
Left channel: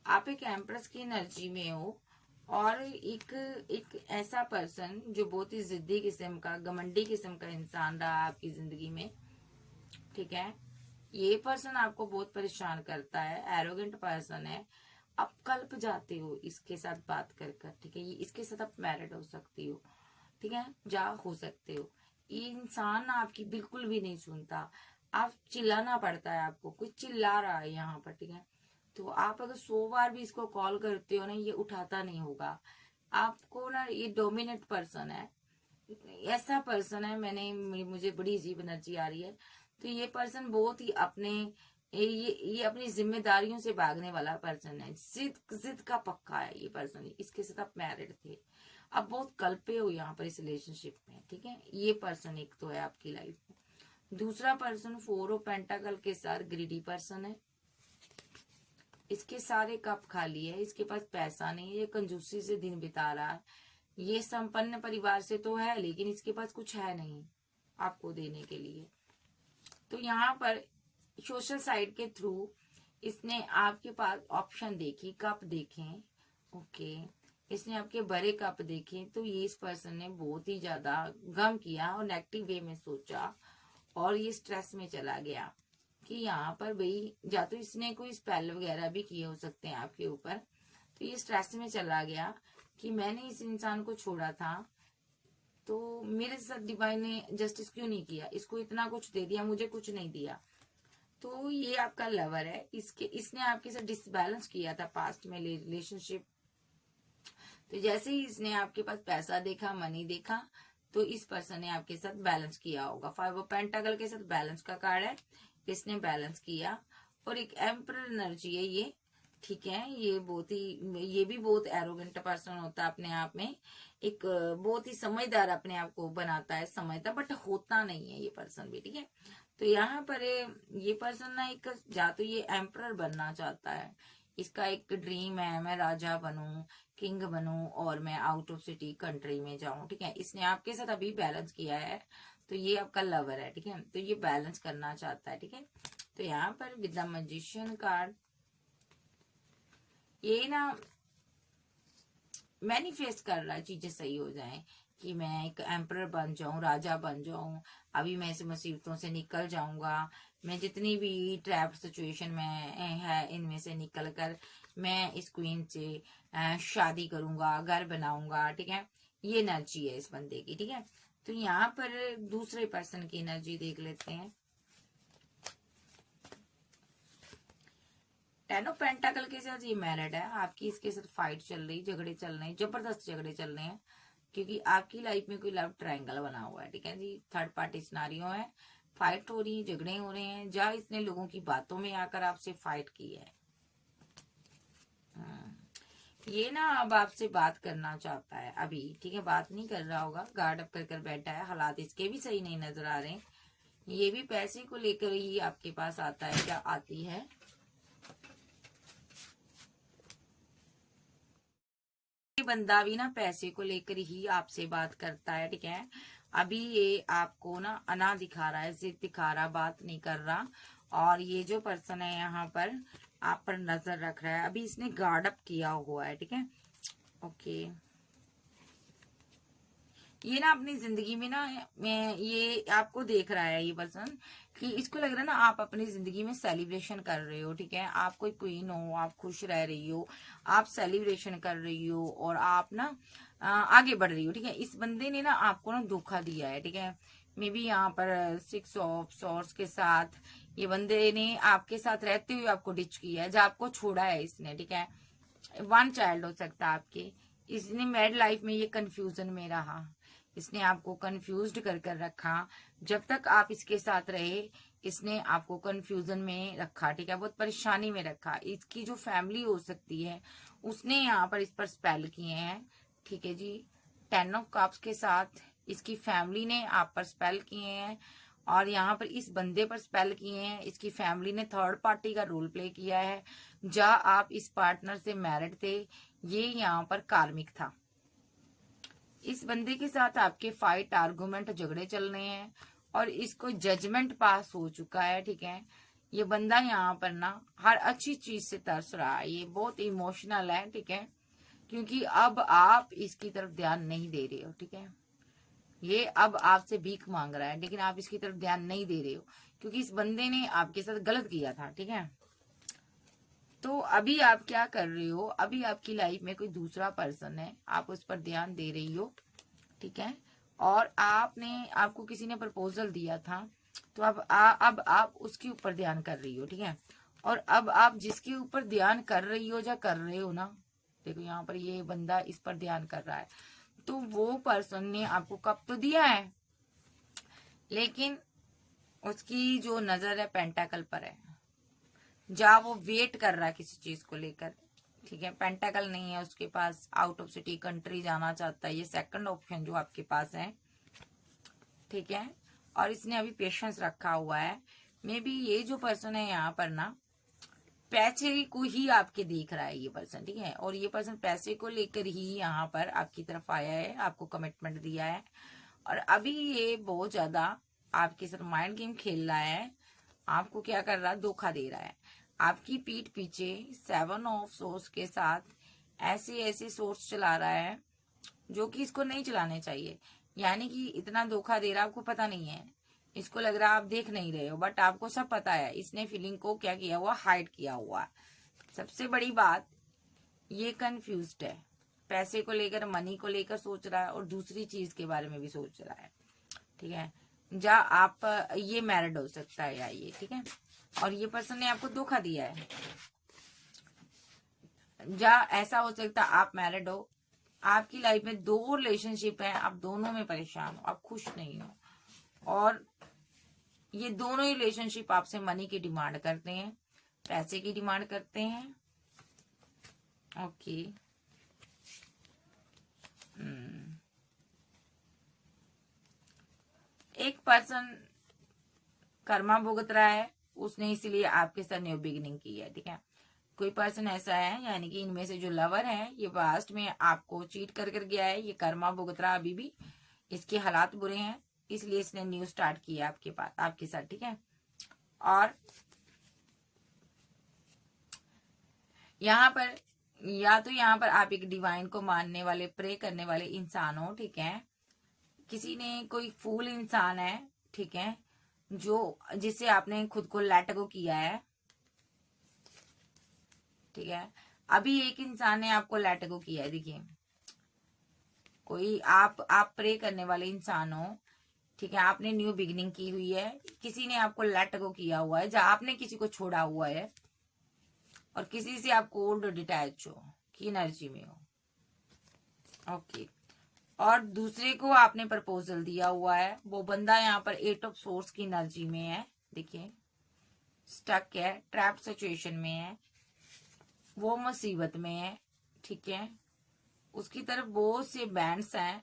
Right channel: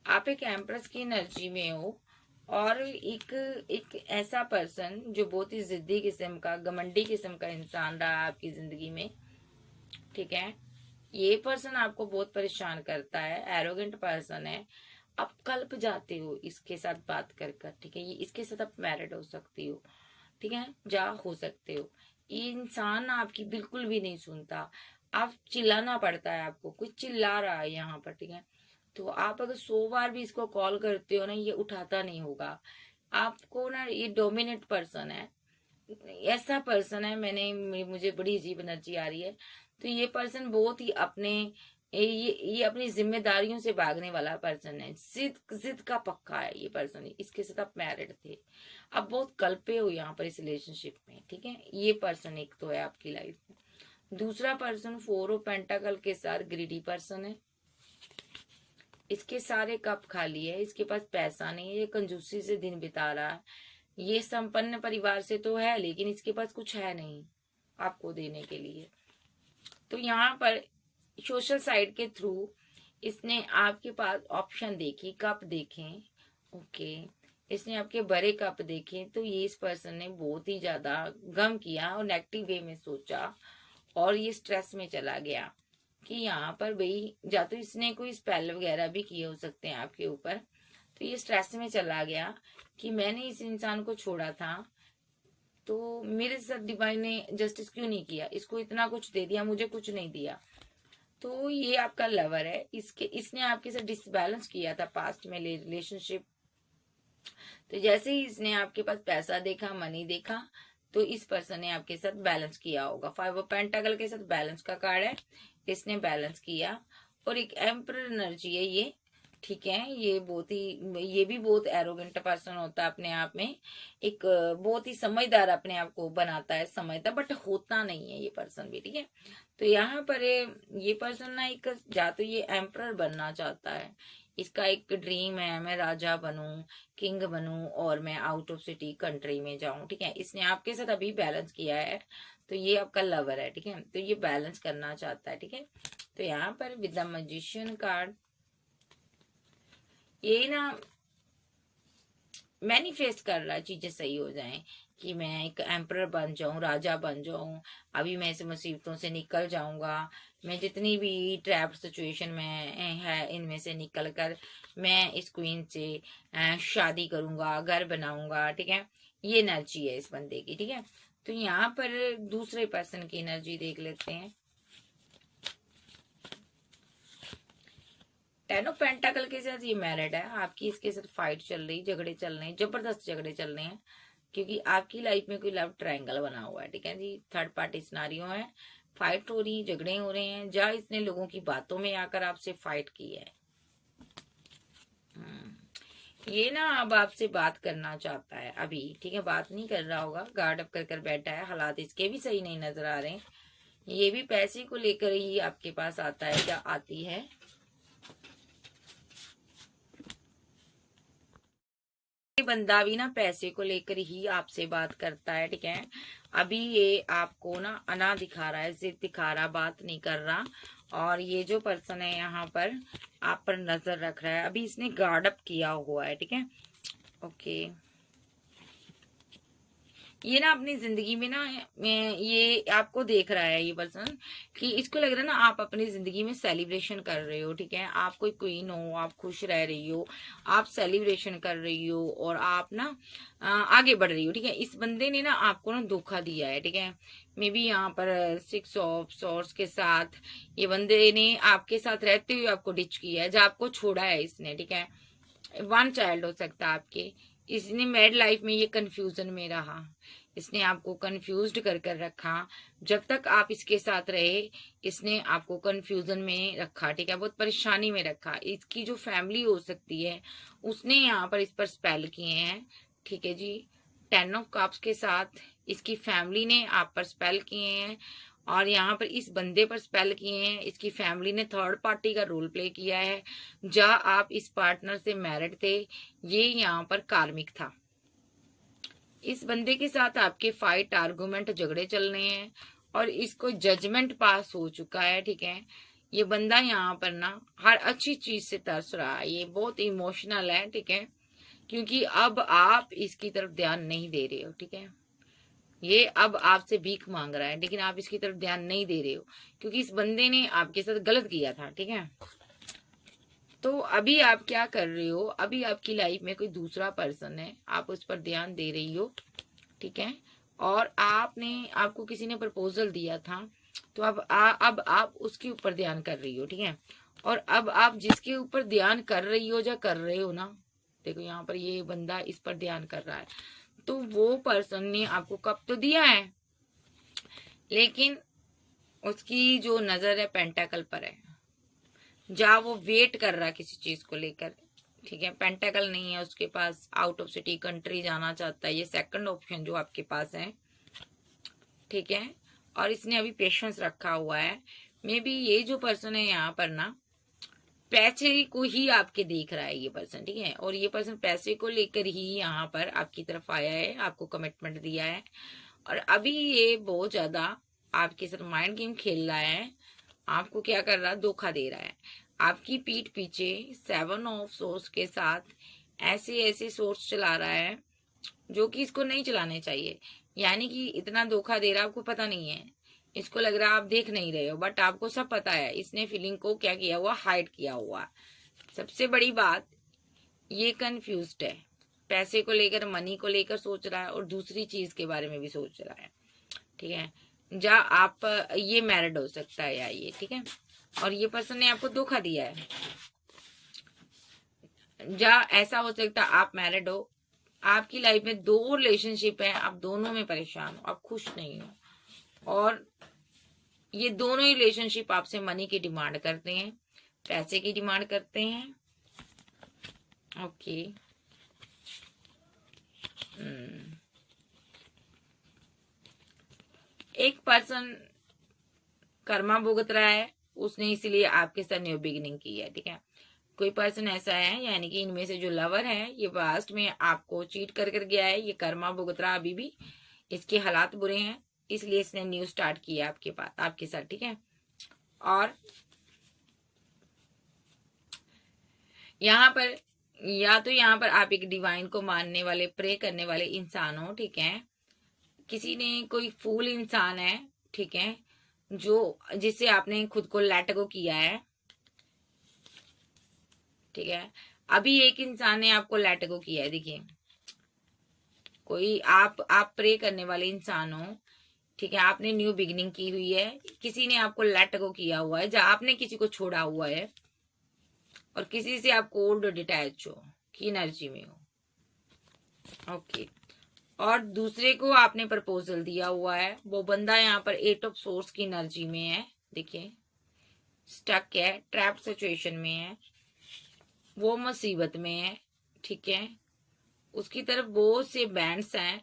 आप एक एम्प्रेस की एनर्जी में हो, और एक एक ऐसा पर्सन जो बहुत ही जिद्दी किस्म का, घमंडी किस्म का इंसान रहा आपकी जिंदगी में, ठीक है। ये पर्सन आपको बहुत परेशान करता है, एरोगेंट पर्सन है, आप कल्प जाते हो इसके साथ बात कर कर, ठीक है। ये इसके साथ आप मैरिड हो सकती हो, ठीक है, जा हो सकते हो। ये इंसान आपकी बिल्कुल भी नहीं सुनता, आप चिल्लाना पड़ता है आपको, कोई चिल्ला रहा है यहाँ पर, ठीक है। तो आप अगर 100 बार भी इसको कॉल करते हो ना, ये उठाता नहीं होगा आपको ना, ये डोमिनेट पर्सन है, ऐसा पर्सन है। मुझे बड़ी अजीब एनर्जी आ रही है। तो ये पर्सन बहुत ही ये अपनी जिम्मेदारियों से भागने वाला पर्सन है, जिद जिद का पक्का है ये पर्सन। इसके साथ आप मैरिड थे, आप बहुत कल्पे हो यहाँ पर इस रिलेशनशिप में, ठीक है। ये पर्सन एक तो है आपकी लाइफ में। दूसरा पर्सन 4 ऑफ पेंटाकल के साथ ग्रीडी पर्सन है, इसके सारे कप खाली है, इसके पास पैसा नहीं है, ये कंजूसी से दिन बिता रहा है। ये संपन्न परिवार से तो है, लेकिन इसके पास कुछ है नहीं आपको देने के लिए। तो यहाँ पर सोशल साइट के थ्रू इसने आपके पास ऑप्शन देखी, कप देखे, ओके। इसने आपके बड़े कप देखे तो ये इस पर्सन ने बहुत ही ज्यादा गम किया और नेगेटिव वे में सोचा और ये स्ट्रेस में चला गया कि यहाँ पर भाई या तो इसने कोई स्पेल वगैरह भी किए हो सकते हैं आपके ऊपर। तो ये स्ट्रेस में चला गया कि मैंने इस इंसान को छोड़ा था तो मेरे साथ डिवाइन ने जस्टिस क्यों नहीं किया, इसको इतना कुछ दे दिया, मुझे कुछ नहीं दिया। तो ये आपका लवर है, इसने आपके साथ डिसबैलेंस किया था पास्ट में रिलेशनशिप। तो जैसे ही इसने आपके पास पैसा देखा, मनी देखा, तो इस पर्सन ने आपके साथ बैलेंस किया होगा। 5 ऑफ पेंटाकल के साथ बैलेंस का कार्ड है, इसने बैलेंस किया। और एक एम्परर एनर्जी है ये, ठीक है। ये भी बहुत एरोगेंट पर्सन होता है अपने आप में, एक बहुत ही समझदार अपने आप को बनाता है, समझता, बट होता नहीं है ये पर्सन भी, ठीक है। तो यहाँ पर ये पर्सन ना एक या तो ये एम्परर बनना चाहता है, इसका एक ड्रीम है मैं राजा बनूं, किंग बनूं और मैं आउट ऑफ सिटी कंट्री में जाऊं, ठीक है। इसने आपके साथ अभी बैलेंस किया है, तो ये आपका लवर है, ठीक है। तो ये बैलेंस करना चाहता है, ठीक है। तो यहाँ पर विद द मैजिशियन कार्ड ये ना मैनिफेस्ट कर रहा है चीजें सही हो जाएं कि मैं एक एम्परर बन जाऊं, राजा बन जाऊं, अभी मैं इस मुसीबतों से निकल जाऊंगा, मैं जितनी भी ट्रैप सिचुएशन में है इनमें से निकल कर मैं इस क्वीन से शादी करूंगा, घर बनाऊंगा, ठीक है। ये एनर्जी है इस बंदे की, ठीक है। तो यहाँ पर दूसरे पर्सन की एनर्जी देख लेते हैं। 10 ऑफ पेंटाकल के साथ ये मैरिड है, आपकी इसके साथ फाइट चल रही, झगड़े चल रहे हैं, जबरदस्त झगड़े चल रहे हैं, क्योंकि आपकी लाइफ में कोई लव ट्रायंगल बना हुआ है, ठीक है जी। थर्ड पार्टी सिनारियो है, फाइट हो रही, झगड़े हो रहे हैं, जहाँ इसने लोगों की बातों में आकर आपसे फाइट की है। ये ना अब आपसे बात करना चाहता है अभी, ठीक है। बात नहीं कर रहा होगा, गार्ड अप कर कर बैठा है, हालात इसके भी सही नहीं नजर आ रहे। ये भी पैसे को लेकर ही आपके पास आता है या आती है। ये बंदा भी ना पैसे को लेकर ही आपसे बात करता है, ठीक है। अभी ये आपको ना अना दिखा रहा है, जिद दिखा रहा, बात नहीं कर रहा। और ये जो पर्सन है यहाँ पर आप पर नजर रख रहा है, अभी इसने गार्ड अप किया हुआ है, ठीक है। ओके, ये ना अपनी जिंदगी में ना ये आपको देख रहा है ये पर्सन कि इसको लग रहा है ना आप अपनी जिंदगी में सेलिब्रेशन कर रहे हो, ठीक है। आप कोई क्वीन हो, आप खुश रह रही हो, आप सेलिब्रेशन कर रही हो और आप ना आगे बढ़ रही हो, ठीक है। इस बंदे ने ना आपको ना धोखा दिया है, ठीक है। मे बी यहाँ पर 6 ऑफ सोर्स के साथ ये बंदे ने आपके साथ रहते हुए आपको डिच किया है, जो आपको छोड़ा है इसने, ठीक है। 1 चाइल्ड हो सकता है आपके, इसने मैरिड लाइफ में ये कंफ्यूजन में रहा, इसने आपको कंफ्यूज्ड कर कर रखा। जब तक आप इसके साथ रहे इसने आपको कंफ्यूजन में रखा, ठीक है, बहुत परेशानी में रखा। इसकी जो फैमिली हो सकती है उसने यहाँ पर इस पर स्पेल किए हैं, ठीक है जी। 10 ऑफ कप्स के साथ इसकी फैमिली ने आप पर स्पेल किए हैं और यहाँ पर इस बंदे पर स्पेल किए हैं। इसकी फैमिली ने थर्ड पार्टी का रोल प्ले किया है, जहाँ आप इस पार्टनर से मैरिड थे, ये यहाँ पर कार्मिक था। इस बंदे के साथ आपके फाइट, आर्गुमेंट, झगड़े चल रहे हैं और इसको जजमेंट पास हो चुका है, ठीक है। ये बंदा यहाँ पर ना हर अच्छी चीज से तरस रहा है, ये बहुत इमोशनल है, ठीक है, क्योंकि अब आप इसकी तरफ ध्यान नहीं दे रहे हो, ठीक है। ये अब आपसे भीख मांग रहा है लेकिन आप इसकी तरफ ध्यान नहीं दे रहे हो, क्योंकि इस बंदे ने आपके साथ गलत किया था, ठीक है। तो अभी आप क्या कर रहे हो, अभी आपकी लाइफ में कोई दूसरा पर्सन है, आप उस पर ध्यान दे रही हो, ठीक है। और आपको किसी ने प्रपोजल दिया था, तो अब आप उसके ऊपर ध्यान कर रही हो, ठीक है। और अब आप जिसके ऊपर ध्यान कर रही हो या कर रहे हो ना, देखो यहाँ पर ये बंदा इस पर ध्यान कर रहा है, तो वो पर्सन ने आपको कब तो दिया है, लेकिन उसकी जो नजर है पेंटाकल पर है, जहाँ वो वेट कर रहा है किसी चीज को लेकर, ठीक है। पेंटाकल नहीं है उसके पास, आउट ऑफ सिटी कंट्री जाना चाहता है, ये सेकंड ऑप्शन जो आपके पास है, ठीक है। और इसने अभी पेशेंस रखा हुआ है। मे बी ये जो पर्सन है यहाँ पर ना पैसे को ही आपके देख रहा है ये पर्सन, ठीक है। और ये पर्सन पैसे को लेकर ही यहाँ पर आपकी तरफ आया है, आपको कमिटमेंट दिया है और अभी ये बहुत ज्यादा आपके साथ माइंड गेम खेल रहा है, आपको क्या कर रहा है, धोखा दे रहा है। आपकी पीठ पीछे 7 ऑफ सोर्स के साथ ऐसे ऐसे सोर्स चला रहा है जो कि इसको नहीं चलाने चाहिए। यानी कि इतना धोखा दे रहा है, आपको पता नहीं है, इसको लग रहा है आप देख नहीं रहे हो, बट आपको सब पता है। इसने फीलिंग को क्या किया हुआ, हाइड किया हुआ। सबसे बड़ी बात, ये कंफ्यूज्ड है, पैसे को लेकर, मनी को लेकर सोच रहा है, और दूसरी चीज के बारे में भी सोच रहा है। ठीक है, जा आप ये मैरिड हो सकता है या ये, ठीक है, और ये पर्सन ने आपको धोखा दिया है। जा ऐसा हो सकता है आप मैरिड हो, आपकी लाइफ में दो रिलेशनशिप है, आप दोनों में परेशान हो, आप खुश नहीं हो, और ये दोनों ही रिलेशनशिप आपसे मनी की डिमांड करते हैं, पैसे की डिमांड करते हैं। ओके, एक पर्सन कर्मा भुगत रहा है, उसने इसीलिए आपके साथ न्यू बिगिनिंग की है। ठीक है, कोई पर्सन ऐसा है, यानी कि इनमें से जो लवर है, ये पास्ट में आपको चीट कर गया है, ये कर्मा भुगत रहा अभी भी, इसके हालात बुरे हैं, इसलिए इसने न्यू स्टार्ट किया आपके पास, आपके साथ। ठीक है, और यहाँ पर या तो यहाँ पर आप एक डिवाइन को मानने वाले, प्रे करने वाले इंसान हो। ठीक है, किसी ने, कोई फूल इंसान है, ठीक है, जो जिससे आपने खुद को लेट गो किया है। ठीक है, अभी एक इंसान ने आपको लेट गो किया है। देखिए, कोई आप प्रे करने वाले इंसान हो, ठीक है, आपने न्यू बिगिनिंग की हुई है, किसी ने आपको लेट गो किया हुआ है, जहां आपने किसी को छोड़ा हुआ है, और किसी से आपको ओल्ड डिटैच हो की एनर्जी में हो। ओके, और दूसरे को आपने प्रपोजल दिया हुआ है, वो बंदा यहाँ पर 8 ऑफ सोर्स की एनर्जी में है। देखिए, स्टक है, ट्रैप्ड सिचुएशन में है, वो मुसीबत में है। ठीक है, उसकी तरफ बहुत से बैंड्स हैं,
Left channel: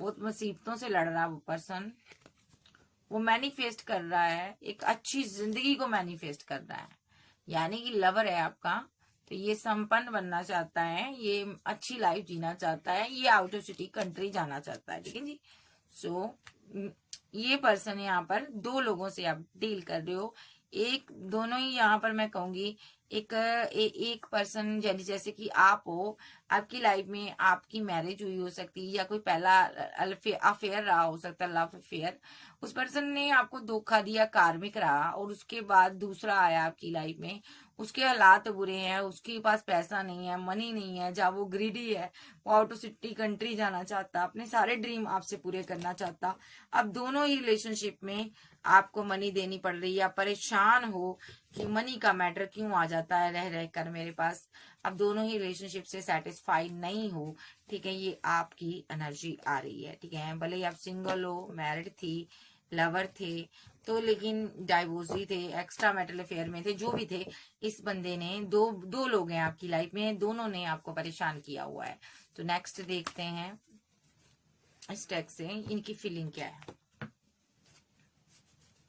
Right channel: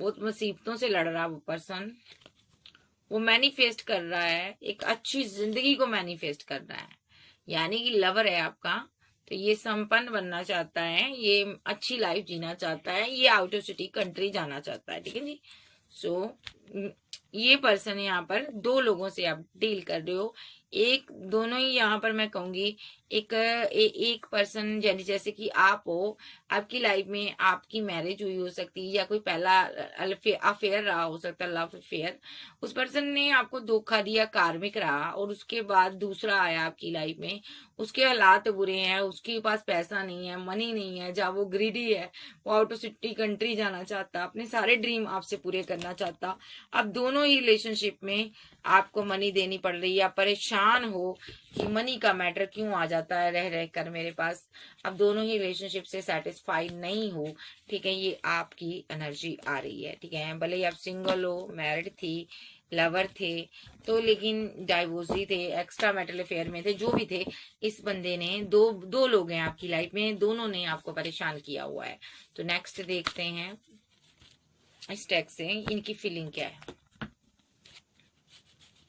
बहुत मुसीबतों से लड़ रहा है वो पर्सन, वो मैनिफेस्ट कर रहा है, एक अच्छी जिंदगी को मैनिफेस्ट कर रहा है। यानी कि लवर है आपका, तो ये संपन्न बनना चाहता है, ये अच्छी लाइफ जीना चाहता है, ये आउट ऑफ सिटी कंट्री जाना चाहता है। ठीक है जी, सो ये पर्सन यहाँ पर दो लोगों से आप डील कर रहे हो, एक दोनों ही यहाँ पर मैं कहूंगी, एक पर्सन जैसे कि आप हो, आपकी लाइफ में आपकी मैरिज हुई हो सकती है, या कोई पहला अफेयर रहा हो सकता है, लव अफेयर, उस पर्सन ने आपको धोखा दिया, कार्मिक रहा, और उसके बाद दूसरा आया आपकी लाइफ में, उसके हालात बुरे हैं, उसके पास पैसा नहीं है, मनी नहीं है, जहाँ वो ग्रीडी है, वो आउट ऑफ सिटी कंट्री जाना चाहता, अपने सारे ड्रीम आपसे पूरे करना चाहता। अब दोनों ही रिलेशनशिप में आपको मनी देनी पड़ रही है, आप परेशान हो कि मनी का मैटर क्यों आ जाता है रह रह कर मेरे पास। अब दोनों ही रिलेशनशिप से सेटिस्फाइड नहीं हो। ठीक है, ये आपकी एनर्जी आ रही है। ठीक है, भले ही आप सिंगल हो, मैरिड थी, लवर थे, तो लेकिन डाइवोर्सी थे, एक्स्ट्रा मैरिटल अफेयर में थे, जो भी थे, इस बंदे ने दो लोग हैं आपकी लाइफ में, दोनों ने आपको परेशान किया हुआ है। तो नेक्स्ट देखते हैं इस टैग से इनकी फीलिंग क्या है,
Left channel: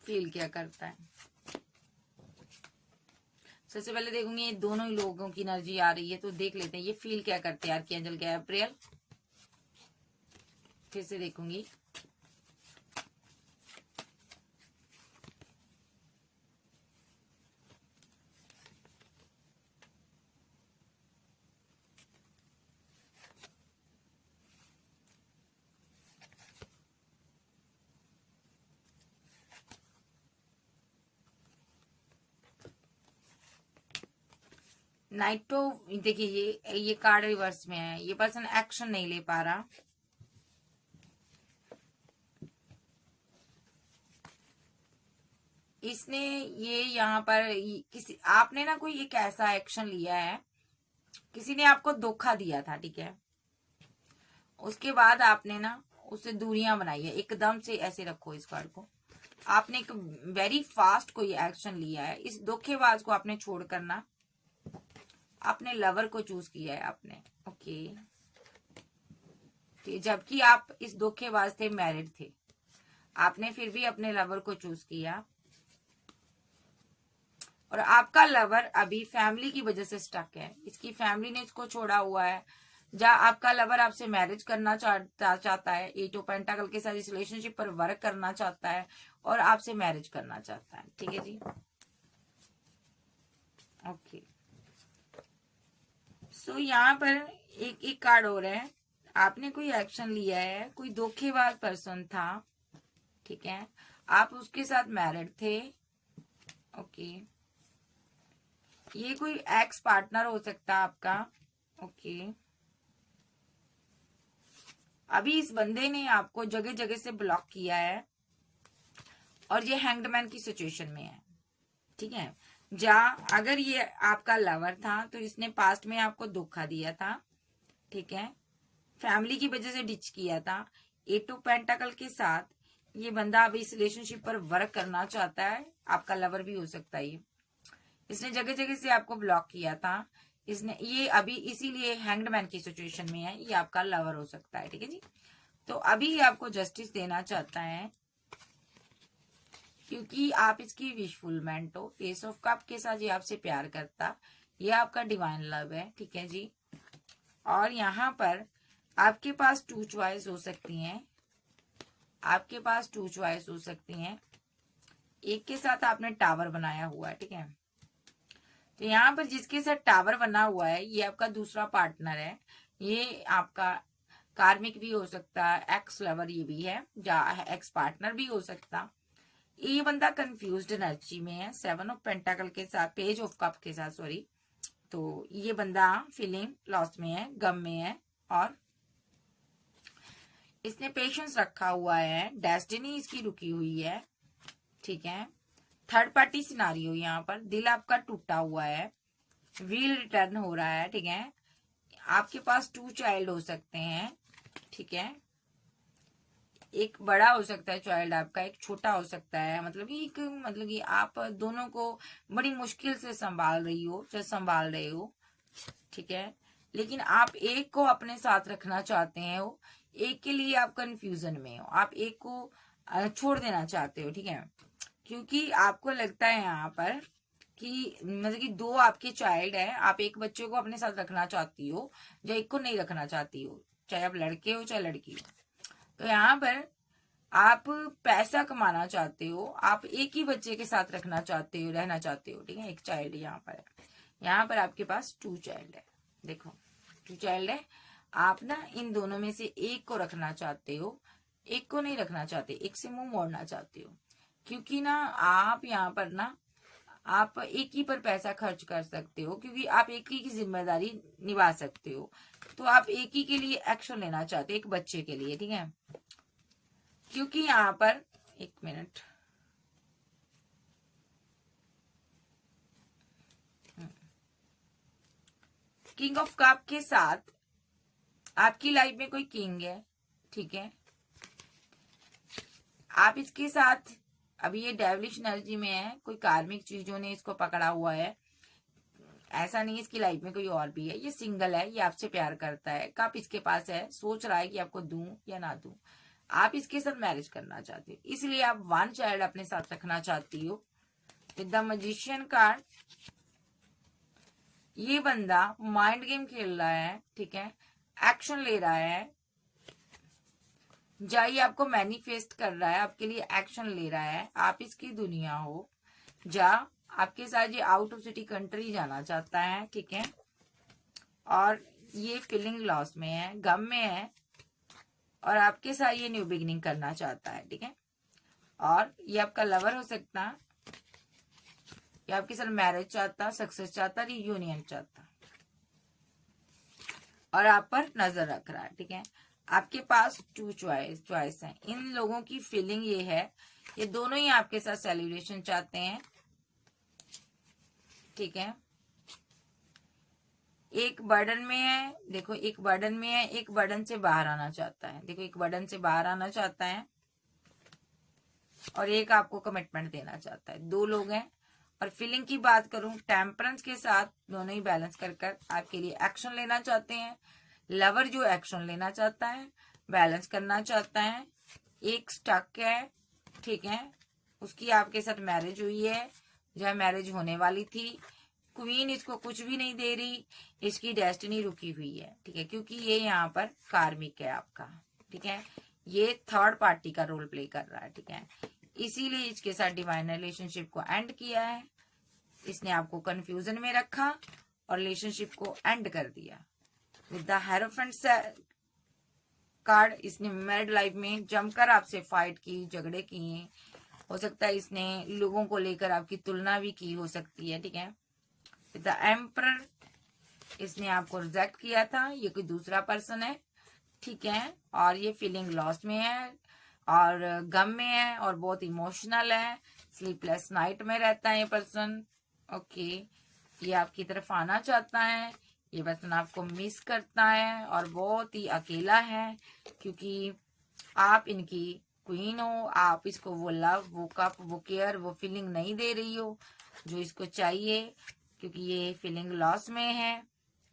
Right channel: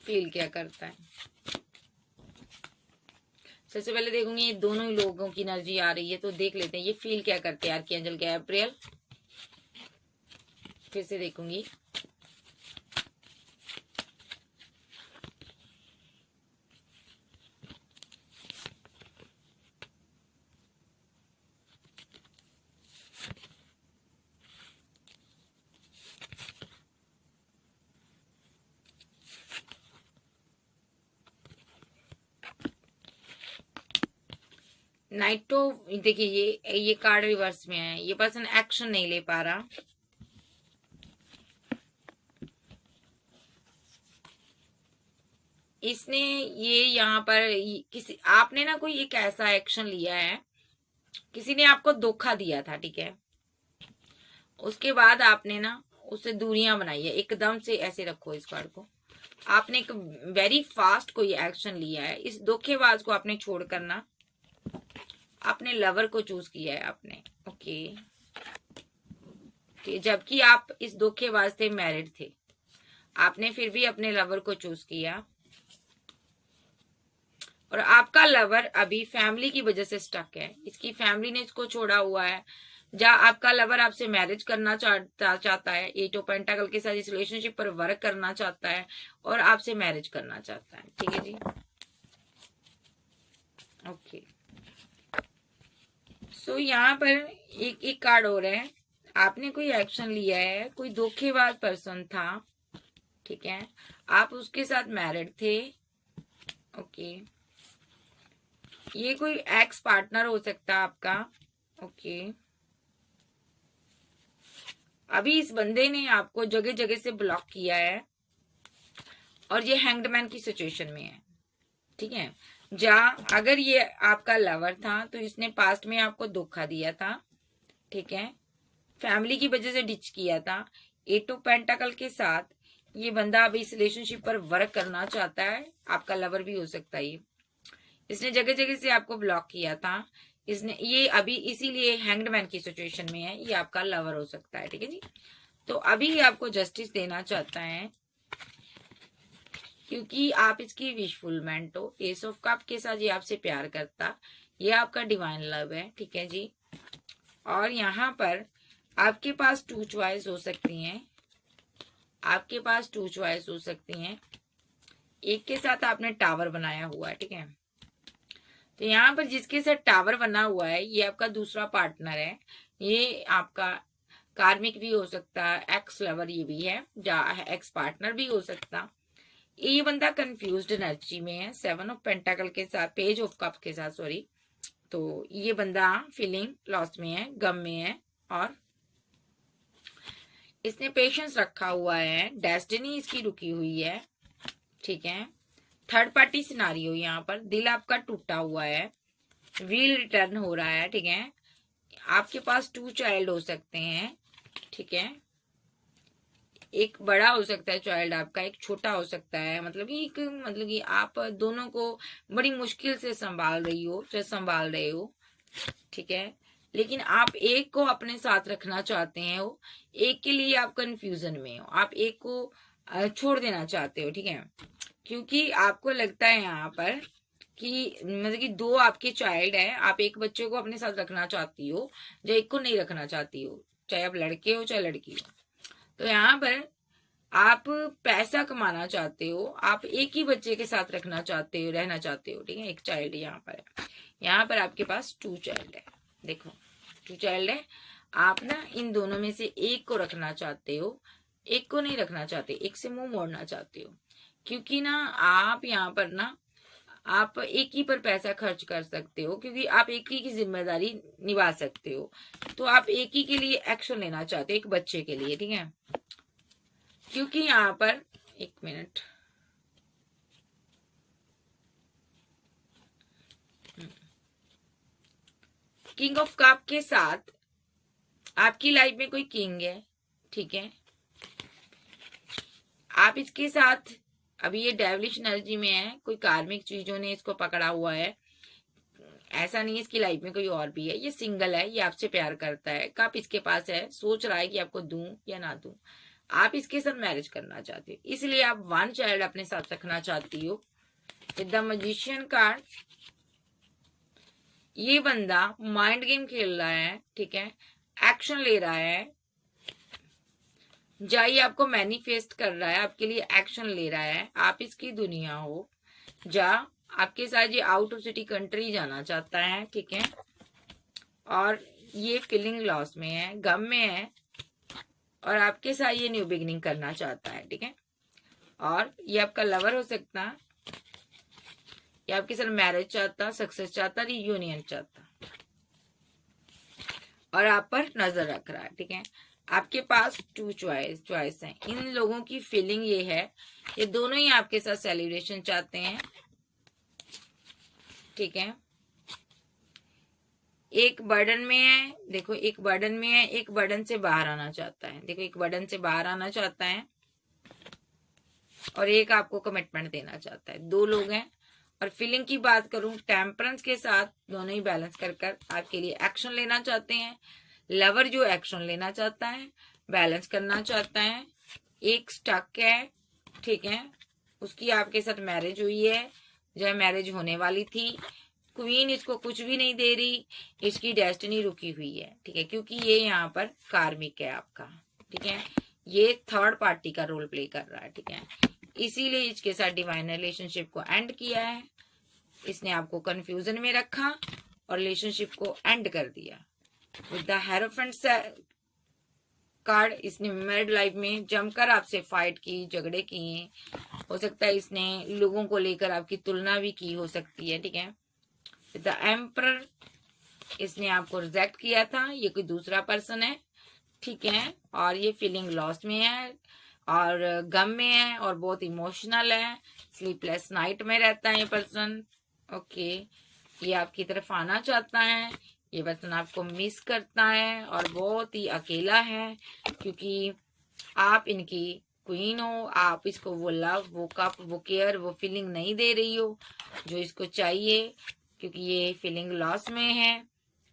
फील क्या करता है। सबसे पहले देखूंगी ये दोनों ही लोगों की एनर्जी आ रही है, तो देख लेते हैं ये फील क्या करते हैं आर्कएंजल गैब्रियल। फिर से देखूंगी, नाइटो। देखिए, ये कार्ड रिवर्स में है, ये पर्सन एक्शन नहीं ले पा रहा, इसने ये यहाँ पर किसी, आपने ना कोई एक ऐसा एक्शन लिया है, किसी ने आपको धोखा दिया था। ठीक है, उसके बाद आपने ना उससे दूरियां बनाई है, एकदम से ऐसे रखो इस कार्ड को, आपने एक वेरी फास्ट कोई एक्शन लिया है, इस धोखेबाज को आपने छोड़ करना, आपने लवर को चूज किया है आपने। ओके, जबकि आप इस धोखेबाज से मैरिड थे, आपने फिर भी अपने लवर को चूज किया, और आपका लवर अभी फैमिली की वजह से स्टक है, इसकी फैमिली ने इसको छोड़ा हुआ है, जहाँ आपका लवर आपसे मैरिज करना चाहता है, 8 ऑफ पेंटाकल के साथ इस रिलेशनशिप पर वर्क करना चाहता है, और आपसे मैरिज करना चाहता है। ठीक है जी, ओके, सो यहाँ पर एक एक कार्ड हो रहा है, आपने कोई एक्शन लिया है, कोई धोखेबाज पर्सन था, ठीक है, आप उसके साथ मैरिड थे, ओके, ये कोई एक्स पार्टनर हो सकता है आपका, ओके, अभी इस बंदे ने आपको जगह जगह से ब्लॉक किया है और ये हैंग्ड की सिचुएशन में है, ठीक है। अगर ये आपका लवर था तो इसने पास्ट में आपको धोखा दिया था, ठीक है, फैमिली की वजह से डिच किया था। एट ऑफ पेंटाकल के साथ ये बंदा अब इस रिलेशनशिप पर वर्क करना चाहता है, आपका लवर भी हो सकता है ये। इसने जगह जगह से आपको ब्लॉक किया था, इसने ये अभी इसीलिए हैंग्ड मैन की सिचुएशन में है, ये आपका लवर हो सकता है, ठीक है जी। तो अभी ये आपको जस्टिस देना चाहता है क्योंकि आप इसकी विशफुलमेंट हो। एस ऑफ कप के साथ ये आपसे प्यार करता, ये आपका डिवाइन लव है, ठीक है जी। और यहाँ पर आपके पास टू चॉइस हो सकती हैं, आपके पास टू चॉइस हो सकती हैं। एक के साथ आपने टावर बनाया हुआ है, ठीक है, तो यहाँ पर जिसके साथ टावर बना हुआ है ये आपका दूसरा पार्टनर है, ये आपका कार्मिक भी हो सकता है, एक्स लवर ये भी है, या एक्स पार्टनर भी हो सकता। ये बंदा कंफ्यूज्ड एनर्जी में है, 7 ऑफ पेंटाकल के साथ, पेज ऑफ कप के साथ, सॉरी। तो ये बंदा फीलिंग लॉस में है, गम में है, और इसने पेशेंस रखा हुआ है, डेस्टिनी इसकी रुकी हुई है, ठीक है। थर्ड पार्टी सिनारियो, यहाँ पर दिल आपका टूटा हुआ है, व्हील रिटर्न हो रहा है, ठीक है। आपके पास 2 चाइल्ड हो सकते हैं, ठीक है, एक बड़ा हो सकता है चाइल्ड आपका, एक छोटा हो सकता है, मतलब कि आप दोनों को बड़ी मुश्किल से संभाल रही हो या संभाल रहे हो, ठीक है, लेकिन आप एक को अपने साथ रखना चाहते हैं, हो एक के लिए आप कंफ्यूजन में हो, आप एक को छोड़ देना चाहते हो, ठीक है, क्योंकि आपको लगता है यहाँ पर कि मतलब कि 2 आपके चाइल्ड है, आप एक बच्चे को अपने साथ रखना चाहती हो या एक को नहीं रखना चाहती हो, चाहे आप लड़के हो चाहे लड़की हो। तो यहाँ पर आप पैसा कमाना चाहते हो, आप एक ही बच्चे के साथ रहना चाहते हो, ठीक है, एक चाइल्ड यहाँ पर है, यहाँ पर आपके पास 2 चाइल्ड है, देखो 2 चाइल्ड है, आप ना इन दोनों में से एक को रखना चाहते हो, एक को नहीं रखना चाहते, एक से मुंह मोड़ना चाहते हो, क्योंकि ना आप यहाँ पर ना आप एक ही पर पैसा खर्च कर सकते हो, क्योंकि आप एक ही की जिम्मेदारी निभा सकते हो, तो आप एक ही के लिए एक्शन लेना चाहते हो, एक बच्चे के लिए, ठीक है, क्योंकि यहाँ पर एक मिनट, किंग ऑफ कप के साथ आपकी लाइफ में कोई किंग है, ठीक है, आप इसके साथ अभी ये डेविलिश एनर्जी में है, कोई कार्मिक चीजों ने इसको पकड़ा हुआ है, ऐसा नहीं इसकी लाइफ में कोई और भी है, ये सिंगल है, ये आपसे प्यार करता है, कप इसके पास है, सोच रहा है कि आपको दूं या ना दूं, आप इसके साथ मैरिज करना चाहते हो, इसलिए आप 1 चाइल्ड अपने साथ रखना चाहती हो। विद द मैजिशियन कार्ड, ये बंदा माइंड गेम खेल रहा है, ठीक है, एक्शन ले रहा है, ये आपको मैनिफेस्ट कर रहा है, आपके लिए एक्शन ले रहा है, आप इसकी दुनिया हो, आपके साथ ये आउट ऑफ सिटी कंट्री जाना चाहता है, ठीक है, और ये फीलिंग लॉस में है, गम में है, और आपके साथ ये न्यू बिगिनिंग करना चाहता है, ठीक है, और ये आपका लवर हो सकता है, ये आपके साथ मैरिज चाहता, सक्सेस चाहता, रियूनियन चाहता, और आप पर नजर रख रहा है, ठीक है। आपके पास 2 चॉइस है, इन लोगों की फीलिंग ये है, ये दोनों ही आपके साथ सेलिब्रेशन चाहते हैं, ठीक है, एक बर्डन में है, देखो एक बर्डन में है, एक बर्डन से बाहर आना चाहता है, देखो एक बर्डन से बाहर आना चाहता है, और एक आपको कमिटमेंट देना चाहता है, 2 लोग हैं। और फीलिंग की बात करूं, टेम्परेंस के साथ दोनों ही बैलेंस कर आपके लिए एक्शन लेना चाहते हैं, लवर जो एक्शन लेना चाहता है, बैलेंस करना चाहता है, एक स्टक है, ठीक है, उसकी आपके साथ मैरिज हुई है या मैरिज होने वाली थी, क्वीन इसको कुछ भी नहीं दे रही, इसकी डेस्टिनी रुकी हुई है, ठीक है, क्योंकि ये यहाँ पर कार्मिक है आपका, ठीक है, ये थर्ड पार्टी का रोल प्ले कर रहा है, ठीक है, इसीलिए इसके साथ डिवाइन रिलेशनशिप को एंड किया है, इसने आपको कंफ्यूजन में रखा और रिलेशनशिप को एंड कर दिया। विद द हेरोफेंट कार्ड, इसने मैरिड लाइफ में जमकर आपसे फाइट की, झगड़े किए, हो सकता है इसने लोगों को लेकर आपकी तुलना भी की हो सकती है, ठीक है। विद द एम्परर, इसने आपको रिजेक्ट किया था, ये कोई दूसरा पर्सन है, ठीक है, और ये फीलिंग लॉस में है और गम में है और बहुत इमोशनल है, स्लीपलेस नाइट में रहता है ये पर्सन। ओके, ये आपकी तरफ आना चाहता है, ये पर्सन आपको मिस करता है और बहुत ही अकेला है, क्योंकि आप इनकी क्वीन हो। आप इसको वो लव, वो कप, वो केयर, वो फीलिंग नहीं दे रही हो जो इसको चाहिए, क्योंकि ये फीलिंग लॉस में है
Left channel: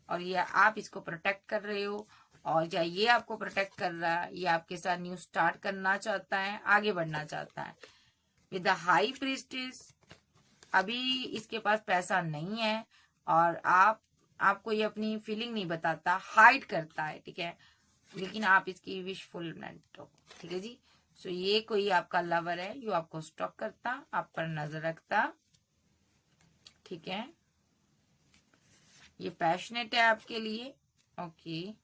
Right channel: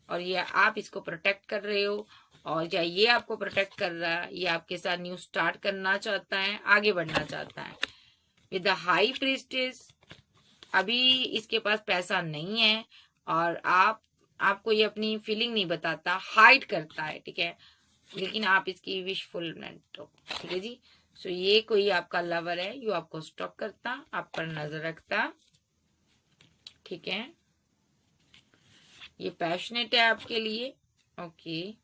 और ये आप इसको प्रोटेक्ट कर रहे हो, और या ये आपको प्रोटेक्ट कर रहा है, ये आपके साथ न्यू स्टार्ट करना चाहता है, आगे बढ़ना चाहता है। विद द हाई प्रीस्टेस, अभी इसके पास पैसा नहीं है और आपको ये अपनी फीलिंग नहीं बताता, हाइड करता है, ठीक है, लेकिन आप इसकी विशफुलमेंट हो, ठीक है जी। सो ये कोई आपका लवर है, जो आपको स्टॉक करता, आप पर नजर रखता, ठीक है। ये पैशनेट है आपके लिए। ओके,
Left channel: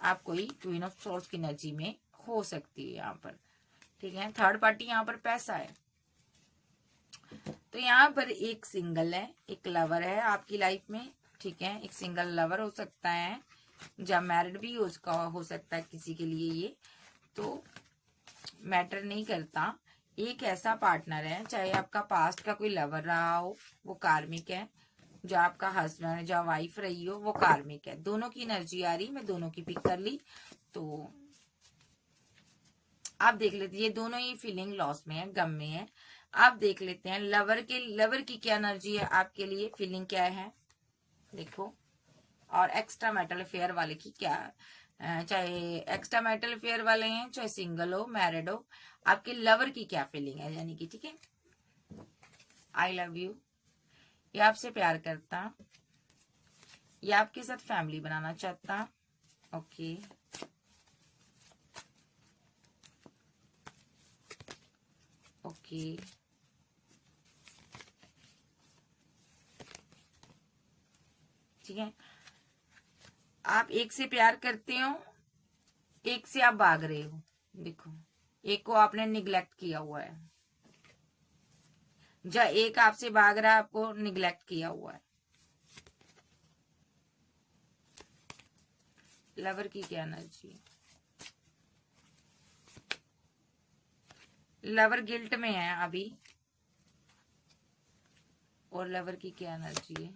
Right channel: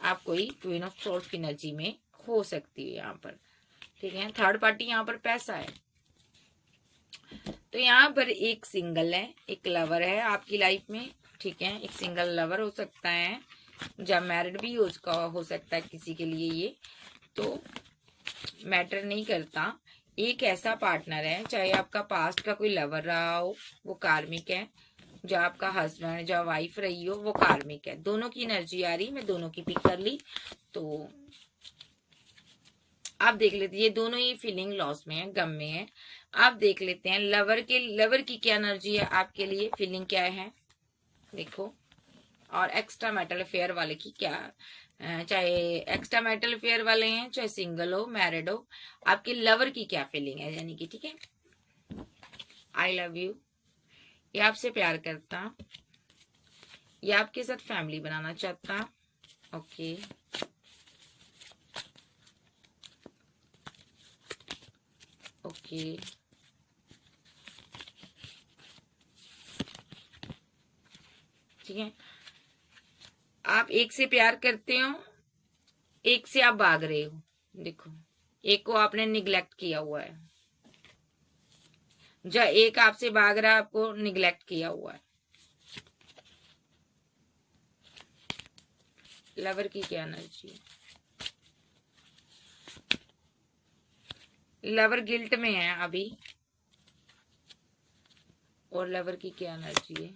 आप कोई क्वीन ऑफ सोर्स की एनर्जी में हो सकती है यहाँ पर, ठीक है। थर्ड पार्टी यहाँ पर पैसा है, तो यहाँ पर एक सिंगल है, एक लवर है आपकी लाइफ में, ठीक है। एक सिंगल लवर हो सकता है, जब मैरिड भी उसका हो सकता है किसी के लिए, ये तो मैटर नहीं करता। एक ऐसा पार्टनर है, चाहे आपका पास्ट का कोई लवर रहा हो, वो कार्मिक है, जो आपका हस्बैंड, जो वाइफ रही हो, वो कार्मिक है। दोनों की एनर्जी आ रही, मैं दोनों की पिक कर ली, तो आप देख लेते, ये दोनों ही फीलिंग लॉस में है, गम में है। आप देख लेते हैं लवर की क्या एनर्जी है आपके लिए, फीलिंग क्या है, देखो। और एक्स्ट्रा मेटल अफेयर वाले की क्या, चाहे एक्स्ट्रा मेटल अफेयर वाले हैं, चाहे सिंगल हो, मैरिड हो, आपके लवर की क्या फीलिंग है, यानी कि, ठीक है। आई लव यू, ये आपसे प्यार करता, ये आपके साथ फैमिली बनाना चाहता। ओके, ओके, ठीक है। आप एक से प्यार करते हो, एक से आप भाग रहे हो, देखो, एक को आपने निग्लेक्ट किया हुआ है, जब एक आपसे भाग रहा है, आपको निग्लेक्ट किया हुआ है। लवर की क्या एनर्जी, लवर गिल्ट में है अभी, और लवर की क्या एनर्जी है,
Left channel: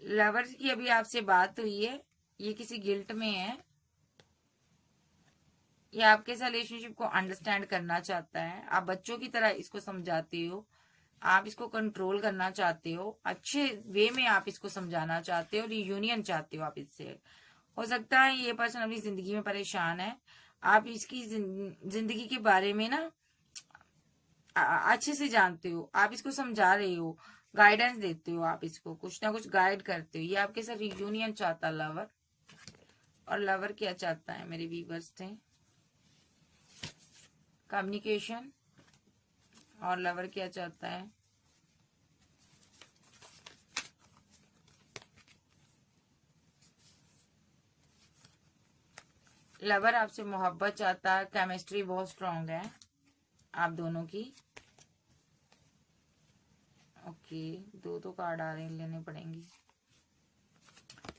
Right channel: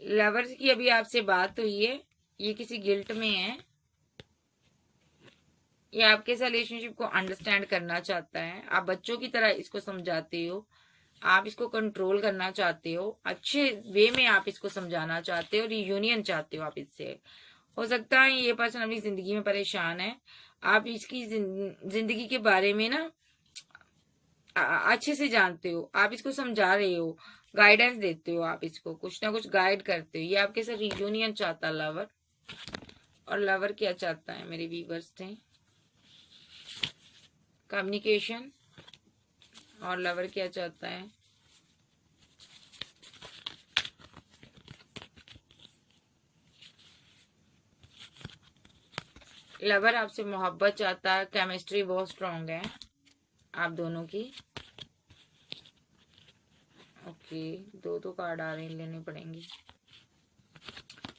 लवर की अभी आपसे बात हुई है, ये किसी गिल्ट में है, ये आपके साथ रिलेशनशिप को अंडरस्टैंड करना चाहता है, आप बच्चों की तरह इसको समझाते हो, आप इसको कंट्रोल करना चाहते हो, अच्छे वे में आप इसको समझाना चाहते हो, रियूनियन चाहते हो आप इससे। हो सकता है ये पर्सन अपनी जिंदगी में परेशान है, आप इसकी जिंदगी के बारे में ना अच्छे से जानते हो, आप इसको समझा रहे हो, गाइडेंस देते हो, आप इसको कुछ ना कुछ गाइड करते हो। ये आपके साथ रियूनियन चाहता लवर, और लवर क्या चाहता है मेरे व्यूअर्स थे, कम्युनिकेशन, और लवर क्या चाहता है, लवर आपसे मोहब्बत चाहता है, केमिस्ट्री बहुत स्ट्रांग है आप दोनों की। ओके, दो कार्ड आ रहे हैं, लेने पड़ेंगे।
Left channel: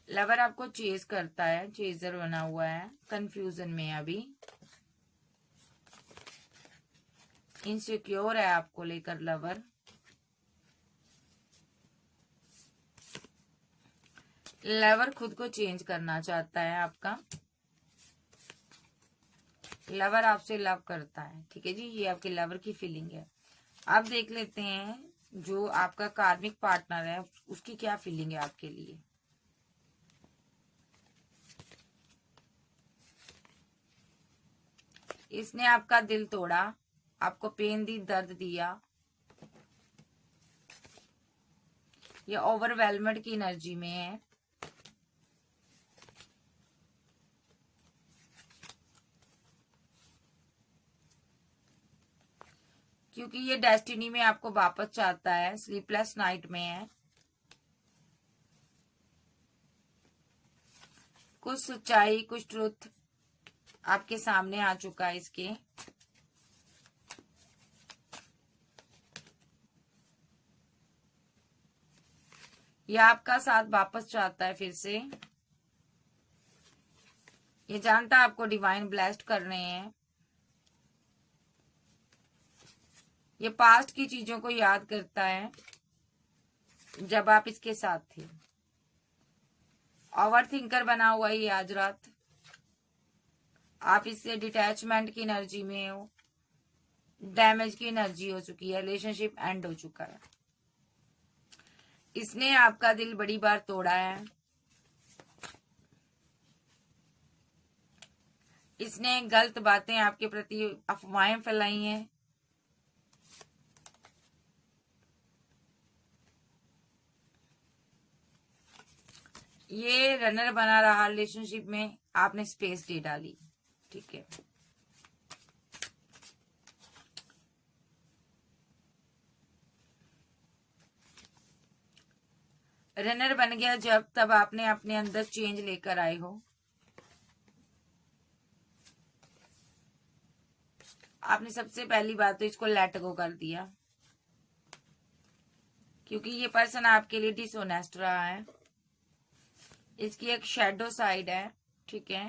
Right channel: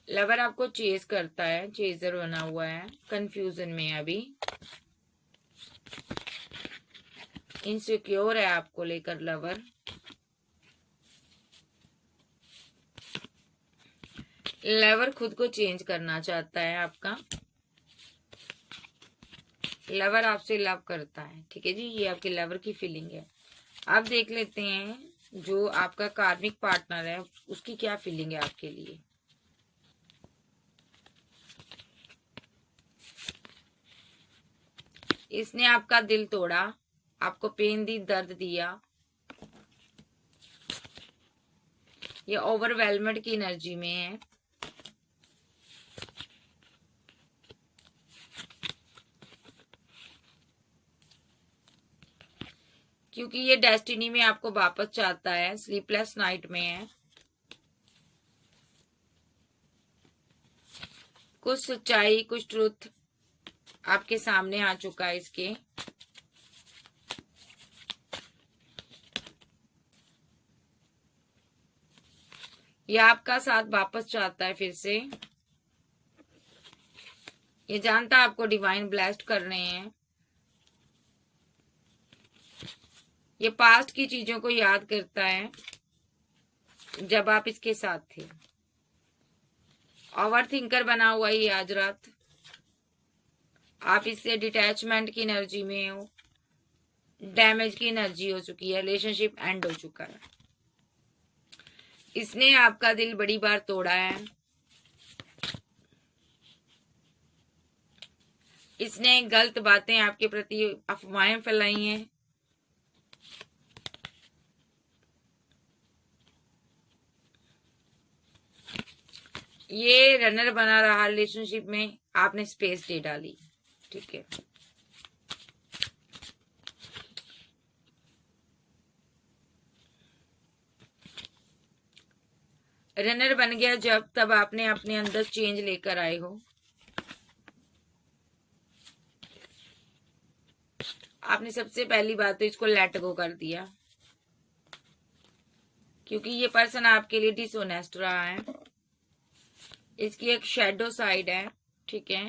लवर आपको चेज करता है, चेजर बना हुआ है, कंफ्यूजन में है अभी, इनसिक्योर है आपको लेकर लवर। लवर खुद को चेंज करना चाहता है आपका, लवर आपसे लव करता है, ठीक है जी। ये आपके लवर की फीलिंग है। आप देख लेते हैं जो आपका कार्मिक पार्टनर है, उसकी क्या फीलिंग है आपके लिए। इसने आपका दिल तोड़ा, आपको पेन दी, दर्द दिया, ये ओवरवेलमेड की एनर्जी में है, क्योंकि ये डेस्टिनी में आपको वापस चाहता है, स्लीपलेस नाइट में है, कुछ सच्चाई, कुछ ट्रुथ आपके सामने आ चुका है इसके। ये आपका साथ वापस चाहता है फिर से। ये जानता है आपको डिवाइन ब्लेस्ड कर रहे हैं। ये पास्ट की चीजों को याद करता है जब आप इसके साथ थे। ओवर थिंकर बना हुआ ही आज रात। आप इससे डिटैचमेंट की एनर्जी में हो, डैमेज की एनर्जी हो चुकी है, रिलेशनशिप एंड हो चुका है। इसने आपका दिल बड़ी बार तोड़ा है। इसने गलत बातें आपके प्रति, अफवाहें फैलाई हैं। ये रनर बना रहा रिलेशनशिप में, आपने स्पेस दे डाली। ठीक है, रनर बन गया जब, तब आपने अपने अंदर चेंज लेकर आए हो। आपने सबसे पहली बात तो इसको लेट गो कर दिया, क्योंकि ये पर्सन आपके लिए डिसऑनेस्ट रहा है। इसकी एक शैडो साइड है। ठीक है,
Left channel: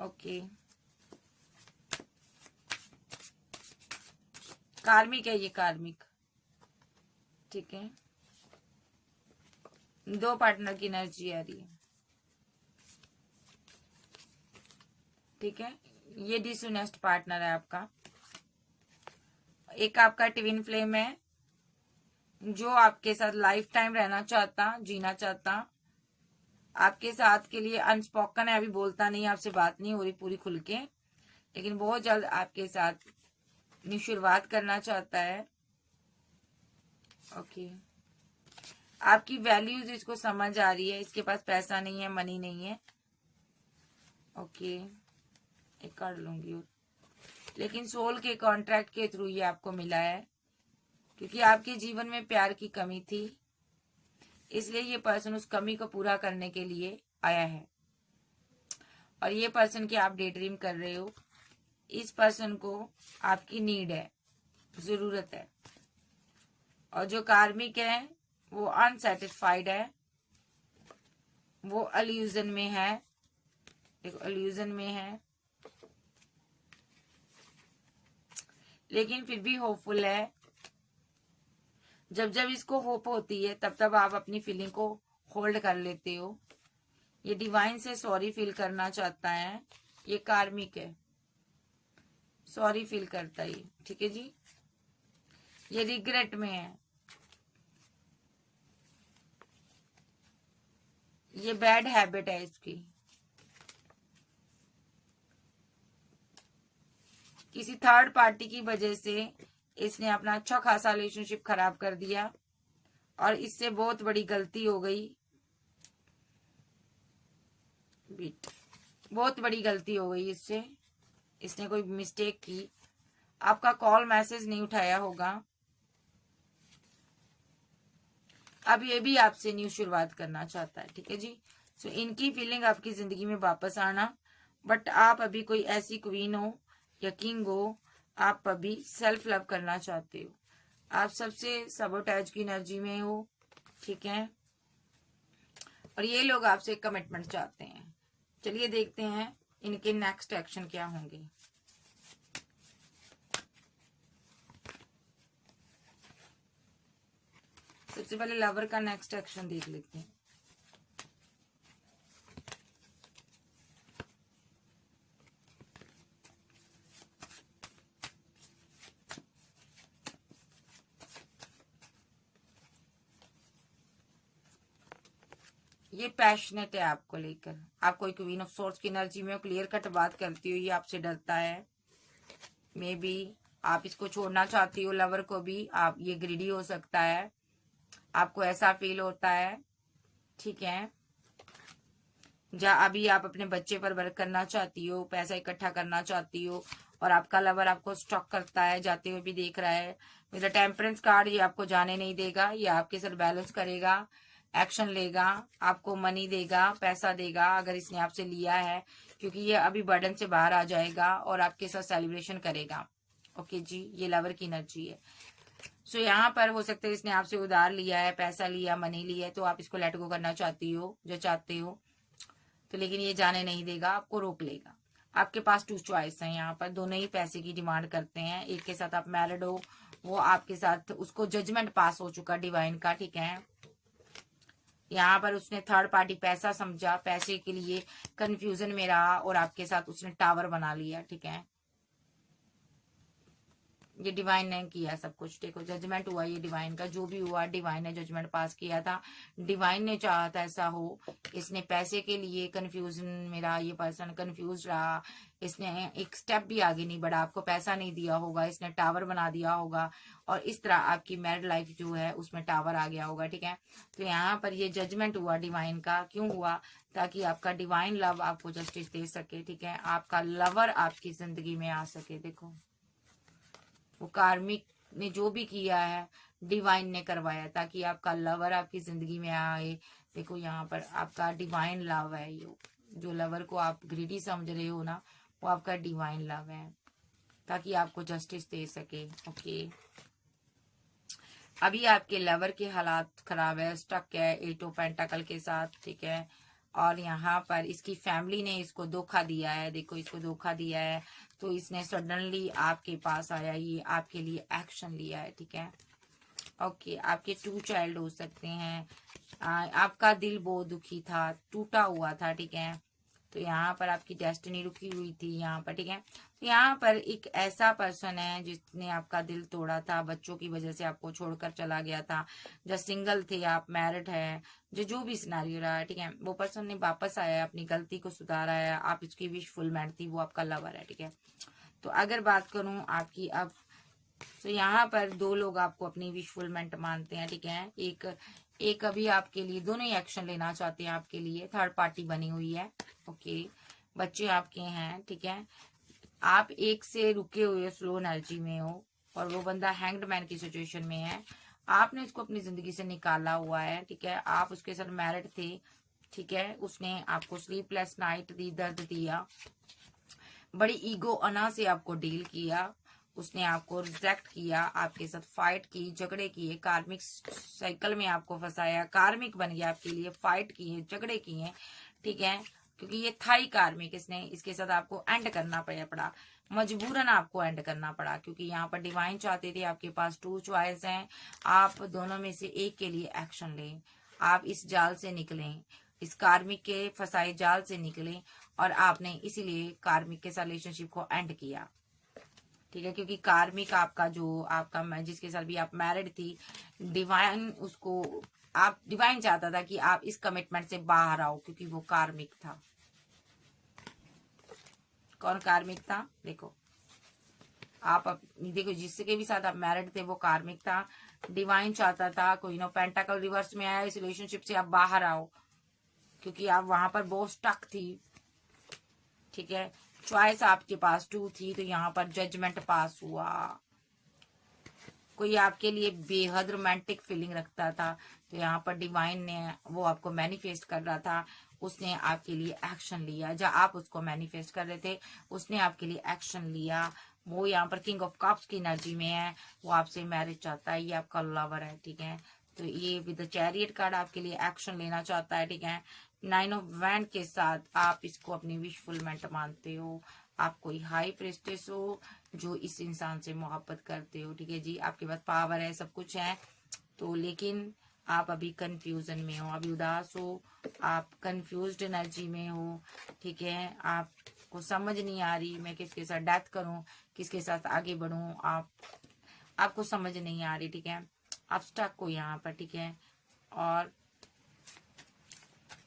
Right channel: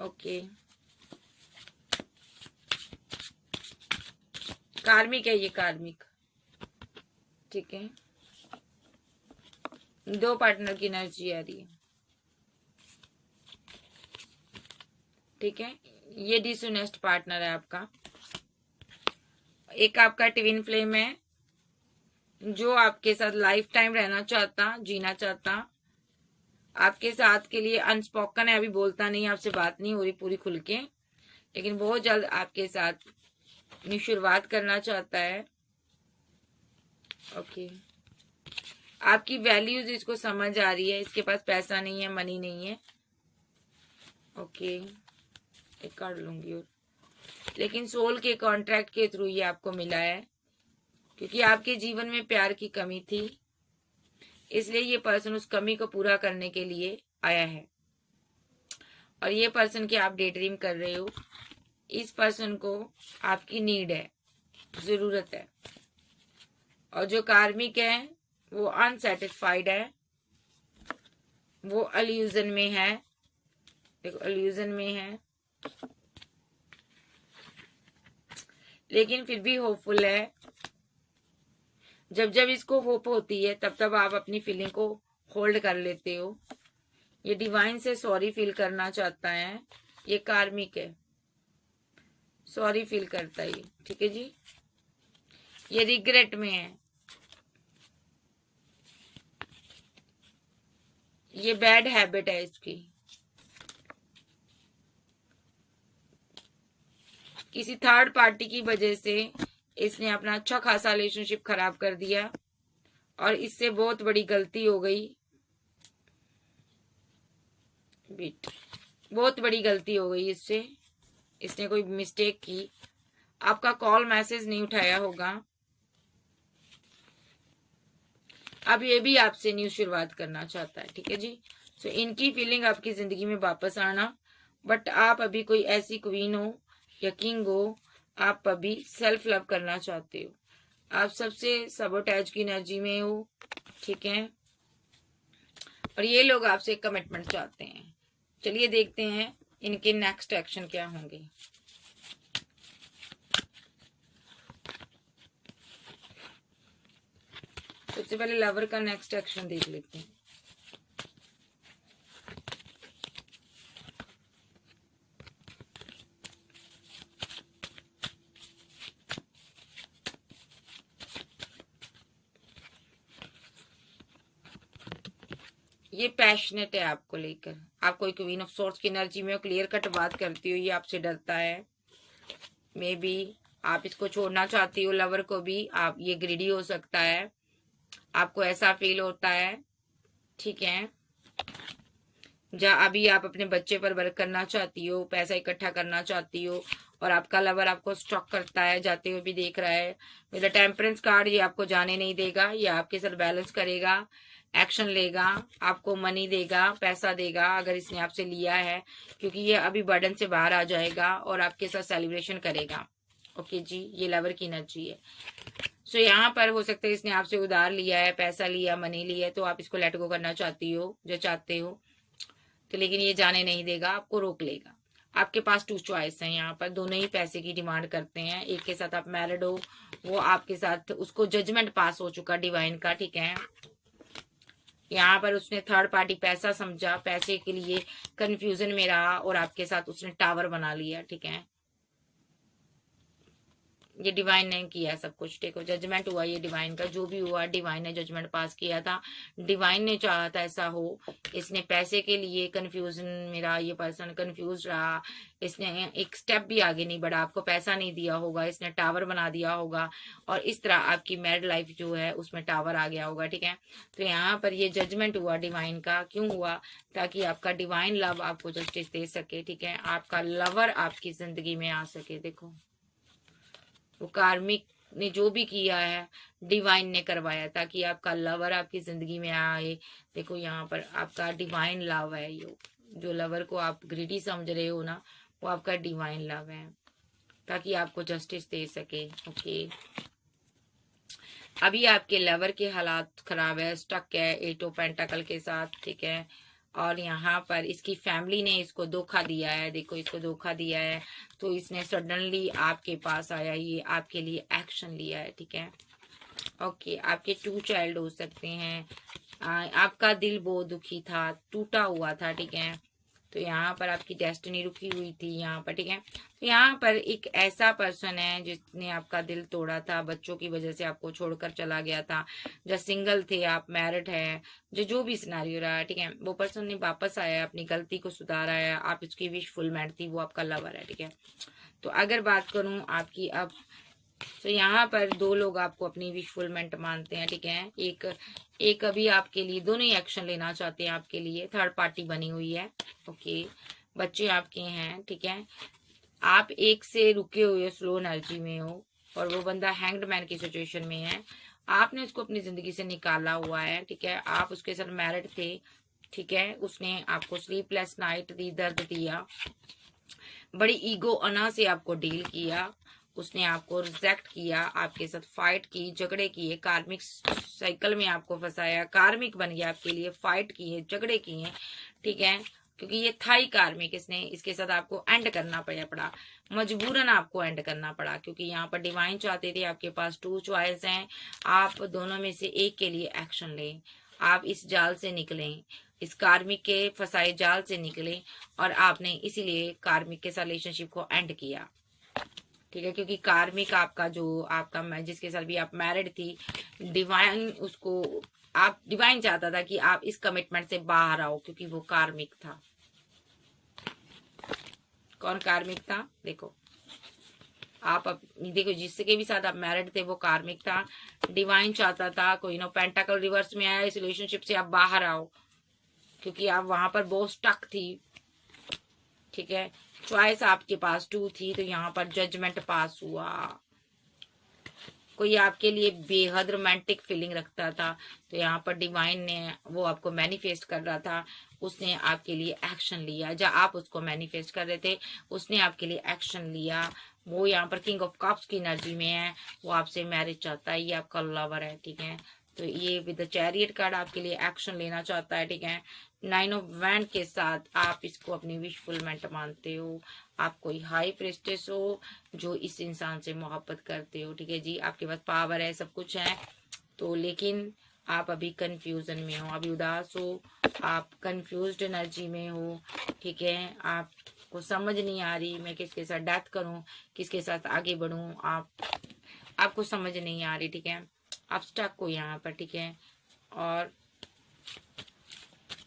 ओके। कार्मिक है ये, कार्मिक। ठीक है, दो पार्टनर की एनर्जी आ रही है। ठीक है, ये डिसऑनेस्ट पार्टनर है आपका। एक आपका ट्विन फ्लेम है जो आपके साथ लाइफ टाइम रहना चाहता, जीना चाहता, आपके साथ के लिए अनस्पोकन है, अभी बोलता नहीं, आपसे बात नहीं हो रही पूरी खुल के, लेकिन बहुत जल्द आपके साथ न्यू शुरुआत करना चाहता है। ओके, आपकी वैल्यूज इसको समझ आ रही है। इसके पास पैसा नहीं है, मनी नहीं है। ओके, एक कार्ड लूंगी और, लेकिन सोल के कॉन्ट्रैक्ट के थ्रू ये आपको मिला है, क्योंकि आपके जीवन में प्यार की कमी थी, इसलिए ये पर्सन उस कमी को पूरा करने के लिए आया है। और ये पर्सन की आप डे ड्रीम कर रहे हो। इस पर्सन को आपकी नीड है, जरूरत है। और जो कार्मिक है वो अनसेटिस्फाइड है, वो अल्यूजन में है। देखो, अल्यूजन में है, लेकिन फिर भी होपफुल है। जब जब इसको होप होती है तब तब आप अपनी फीलिंग को होल्ड कर लेते हो। ये डिवाइन से सॉरी फील करना चाहता है। ये कार्मिक है, सॉरी फील करता है ये। ठीक है जी, ये रिग्रेट में है। ये बैड हैबिट है इसकी। किसी थर्ड पार्टी की वजह से इसने अपना अच्छा खासा रिलेशनशिप खराब कर दिया, और इससे बहुत बड़ी गलती हो गई। बहुत बड़ी गलती हो गई इससे। इसने कोई मिस्टेक की, आपका कॉल मैसेज नहीं उठाया होगा। अब ये भी आपसे न्यू शुरुआत करना चाहता है। ठीक है जी, सो इनकी फीलिंग आपकी जिंदगी में वापस आना, बट आप अभी कोई ऐसी क्वीन हो या किंग हो, आप अभी सेल्फ लव करना चाहते हो। आप सबसे सबोटैज की एनर्जी में हो। ठीक है, और ये लोग आपसे कमिटमेंट चाहते हैं। चलिए देखते हैं इनके नेक्स्ट एक्शन क्या होंगे। सबसे पहले लवर का नेक्स्ट एक्शन देख लेते हैं। ये पैशनेट है आपको लेकर। आप कोई क्वीन ऑफ सोर्स की एनर्जी में क्लियर कट बात करती हो। ये आपसे डरता है। मे बी आप इसको छोड़ना चाहती हो, लवर को भी। आप, ये ग्रीडी हो सकता है, आपको ऐसा फील होता है। ठीक है, जहाँ अभी आप अपने बच्चे पर वर्क करना चाहती हो, पैसा इकट्ठा करना चाहती हो, और आपका लवर आपको स्टॉक करता है, जाते हुए भी देख रहा है। मेरा टेम्परेंस कार्ड, ये आपको जाने नहीं देगा, ये आपके साथ बैलेंस करेगा। एक्शन लेगा, आपको मनी देगा, पैसा देगा अगर इसने आपसे लिया है, क्योंकि ये अभी बर्डन से बाहर आ जाएगा और आपके साथ सेलिब्रेशन करेगा। ओके जी, ये लवर की एनर्जी है। सो यहाँ पर हो सकता है इसने आपसे उधार लिया है, पैसा लिया, मनी लिया है, तो आप इसको लेट गो करना चाहती हो, जो चाहते हो, तो लेकिन ये जाने नहीं देगा, आपको रोक लेगा। आपके पास टू चॉइस है, यहाँ पर दोनों ही पैसे की डिमांड करते हैं। एक के साथ आप मैरिड हो, वो आपके साथ, उसको जजमेंट पास हो चुका डिवाइन का, ठीक है। यहाँ पर उसने थर्ड पार्टी पैसा समझा, पैसे के लिए कंफ्यूजन में रहा और आपके साथ उसने टावर बना लिया, ठीक है। ये डिवाइन ने किया सब कुछ, देखो जजमेंट हुआ ये डिवाइन का, जो भी हुआ डिवाइन ने जजमेंट पास किया था। डिवाइन ने चाहा था ऐसा हो। इसने पैसे के लिए कंफ्यूजन में रहा, ये पर्सन कंफ्यूज रहा, इसने एक स्टेप भी आगे नहीं बढ़ा, आपको पैसा नहीं दिया होगा, इसने टावर बना दिया होगा, और इस तरह आपकी मैरिड लाइफ जो है उसमें टावर आ गया होगा, ठीक है। तो यहाँ पर ये जजमेंट हुआ डिवाइन का, क्यों हुआ? ताकि आपका डिवाइन लव आपको जस्टिस दे सके, ठीक है, आपका लवर आपकी जिंदगी में आ सके। देखो वो कार्मिक ने जो भी किया है डिवाइन ने करवाया, ताकि आपका लवर आपकी जिंदगी में आए। देखो यहाँ पर आपका डिवाइन लव है, ये जो लवर को आप ग्रीडी समझ रहे हो ना, वो आपका डिवाइन लव है, ताकि आपको जस्टिस दे सके। ओके, अभी आपके लवर के हालात खराब है, स्टक है 8 ऑफ पेंटाकल के साथ, ठीक है। और यहाँ पर इसकी फैमिली ने इसको धोखा दिया है, देखो इसको धोखा दिया है, तो इसने सडनली आपके पास आया, ये आपके लिए एक्शन लिया है, ठीक है। ओके, आपके 2 चाइल्ड हो सकते हैं। आपका दिल बहुत दुखी था, टूटा हुआ था, ठीक है। तो यहाँ पर आपकी डेस्टिनी रुकी हुई थी यहाँ पर, ठीक है। तो यहाँ पर एक ऐसा पर्सन है जिसने आपका दिल तोड़ा था, बच्चों की वजह से आपको छोड़कर चला गया था। जो सिंगल थे, आप मैरिड है, जो भी सिनारियो रहा है, ठीक है, वो पर्सन ने वापस आया, अपनी गलती को सुधारा है, आप इसकी विश फुलमेंट थी, वो आपका लवर है, ठीक है। तो अगर बात करूं आपकी अब, तो यहाँ पर 2 लोग आपको अपनी विश फुलमेंट मानते हैं, ठीक है। एक अभी आपके लिए दोनों ही एक्शन लेना चाहते हैं आपके लिए, थर्ड पार्टी बनी हुई है। ओके, बच्चे आपके हैं, ठीक है। आप एक से रुके हुए स्लो एनर्जी में हो, और वो बंदा हैंग्ड मैन की सिचुएशन में है। आपने उसको अपनी जिंदगी से निकाला हुआ है, ठीक है। आप उसके साथ मैरिड थे, ठीक है। उसने आपको स्लीपलेस नाइट दी, दर्द दिया, बड़ी ईगो अना से आपको डील किया, उसने आपको रिजेक्ट किया, आपके साथ फाइट की, झगड़े किए, कार्मिक साइकिल में आपको फंसाया, कार्मिक बन गया आपके लिए, फाइट की है, झगड़े किए, ठीक है। क्योंकि ये था ही कार्मिक, इसने इसके साथ आपको एंड करना पड़ा, मजबूरन आपको एंड करना पड़ा, क्योंकि यहाँ पर डिवाइन चाहते थे, आपके पास 2 चॉइस हैं, आप दोनों में से एक के लिए एक्शन लें, आप इस जाल से निकलें, इस कार्मिक के फंसाए जाल से निकले, और आपने इसीलिए कार्मिक के साथ रिलेशनशिप को एंड किया, ठीक है। क्योंकि कार्मिक आपका जो आपका जिसके साथ भी आप मैरिड थी, डिवाइन उसको, आप डिवाइन चाहता था कि आप इस कमिटमेंट से बाहर आओ, क्योंकि वो कार्मिक था। कौन कार्मिक था? देखो आप देखो जिसके भी साथ आप मैरिड थे वो कार्मिक था। डिवाइन चाहता था कोई नो पेंटाकल रिवर्स में आया, इस रिलेशनशिप से आप बाहर आओ, क्योंकि आप वहां पर बहुत स्टक थी, ठीक है। चॉइस आपके पास 2 थी, तो यहाँ पर जजमेंट पास हुआ। कोई आपके लिए बेहद रोमांटिक फीलिंग रखता था, तो यहाँ पर डिवाइन ने वो आपको मैनिफेस्ट कर रहा था, उसने आपके लिए एक्शन लिया। जब आप उसको मैनिफेस्ट कर रहे थे, उसने आपके लिए एक्शन लिया। वो यहाँ पर किंग ऑफ कप्स की एनर्जी में है, वो आपसे मैरिज चाहता है, ये आपका लवर है, ठीक है। तो ये विद द चैरियट कार्ड आपके लिए एक्शन लेना चाहता है, ठीक है। 9 ऑफ वैंड के साथ आप इसको अपनी विश फुलमेंट मानते हो, आप कोई हाई प्रेस्टेस हो जो इस इंसान से मोहब्बत करते हो, ठीक है जी। आपके पास पावर है, सब कुछ है, तो लेकिन आप अभी कंफ्यूजन में हो, अभी उदास हो, आप कंफ्यूज्ड एनर्जी में हो, ठीक है। आपको समझ नहीं आ रही मैं किसके साथ डेथ करूं, किसके साथ आगे बढ़ूं, आपको समझ नहीं आ रही, ठीक है। आप स्टक हो यहाँ पर, ठीक है। और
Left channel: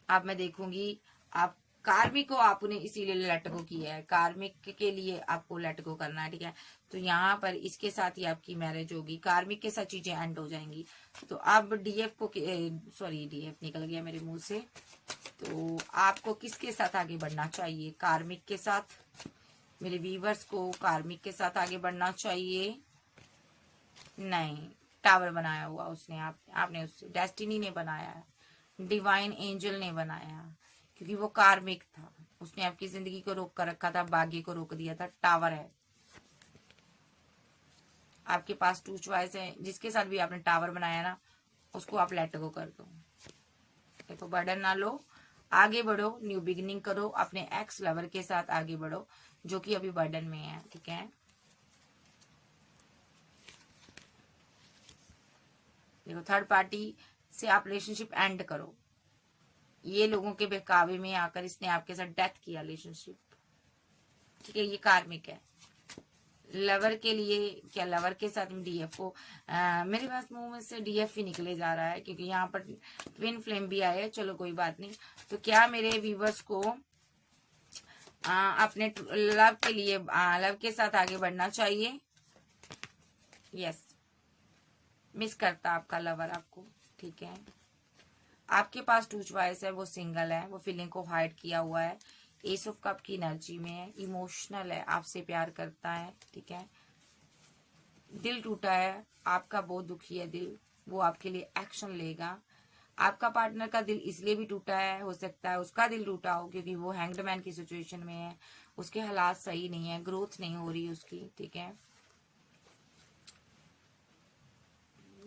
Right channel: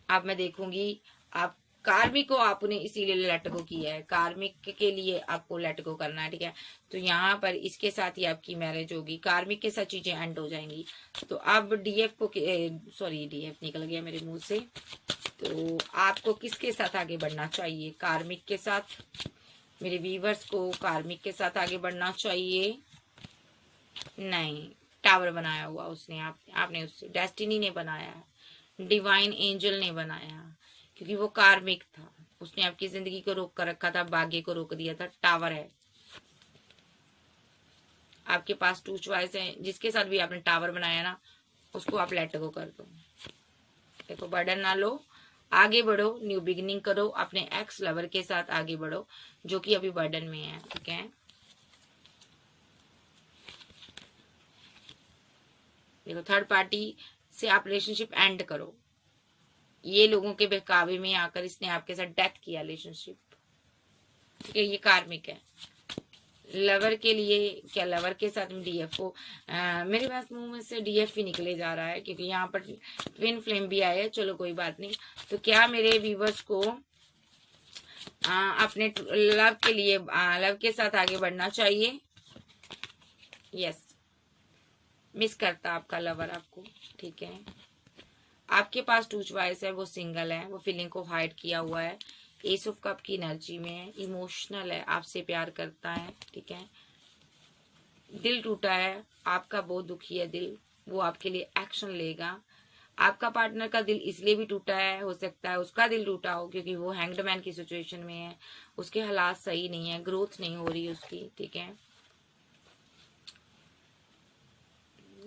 अब मैं देखूंगी आप कार्मिक को आपने इसीलिए लेट गो किया है, कार्मिक के लिए आपको लेट गो करना है, ठीक है। तो यहाँ पर इसके साथ ही आपकी मैरिज होगी, कार्मिक के साथ चीजें एंड हो जाएंगी। तो अब डीएफ को, सॉरी डीएफ निकल गया मेरे मुंह से, तो आपको किसके साथ आगे बढ़ना चाहिए? कार्मिक के साथ। मेरे व्यूवर्स को कार्मिक के साथ आगे बढ़ना चाहिए? नहीं, टावर बनाया हुआ उसने, आपने उससे, डेस्टिनी ने बनाया है, डिवाइन एंजल ने बनाया, क्योंकि वो कार्मिक था, उसने आपकी जिंदगी को रोक कर रखा था, भाग्य को रोक दिया था। टावर है आपके पास, टू चॉइस है, जिसके साथ भी आपने टावर बनाया ना उसको आप लेट गो कर दो। देखो बर्डन ना लो, आगे बढ़ो, न्यू बिगिनिंग करो, अपने एक्स लवर के साथ आगे बढ़ो जो कि अभी बर्डन में है, ठीक है। देखो थर्ड पार्टी से आप रिलेशनशिप एंड करो, ये लोगों के बहकावे में आकर इसने आपके साथ डेथ किया रिलेशनशिप, ठीक है, ये कार्मिक है। लवर के लिए क्या, लवर के साथ में डीएफ को मेरे पास मुंह में से डीएफ भी निकले जा रहा है, क्योंकि यहाँ पर ट्विन फ्लेम भी आया है। चलो कोई बात नहीं। तो क्या मेरे व्यूवर्स को अपने लव के लिए लव के साथ आगे बढ़ना चाहिए? यस, मिस करता आपका लवर आपको, ठीक है। आपके पास टू चॉइस है, वो सिंगल है, वो फीलिंग को हाइड किया हुआ है, एस ऑफ कप की एनर्जी में है, इमोशनल है, आपसे प्यार करता है, ठीक है। दिल टूटा है आपका, बहुत दुखी है दिल, वो आपके लिए एक्शन लेगा। आपका पार्टनर का दिल इसलिए भी टूटा है, हो सकता है उसका दिल टूटा हो क्योंकि वो हैंग्ड मैन की सिचुएशन में है, उसके हालात सही नहीं है, ग्रोथ नहीं हो रही उसकी, ठीक है।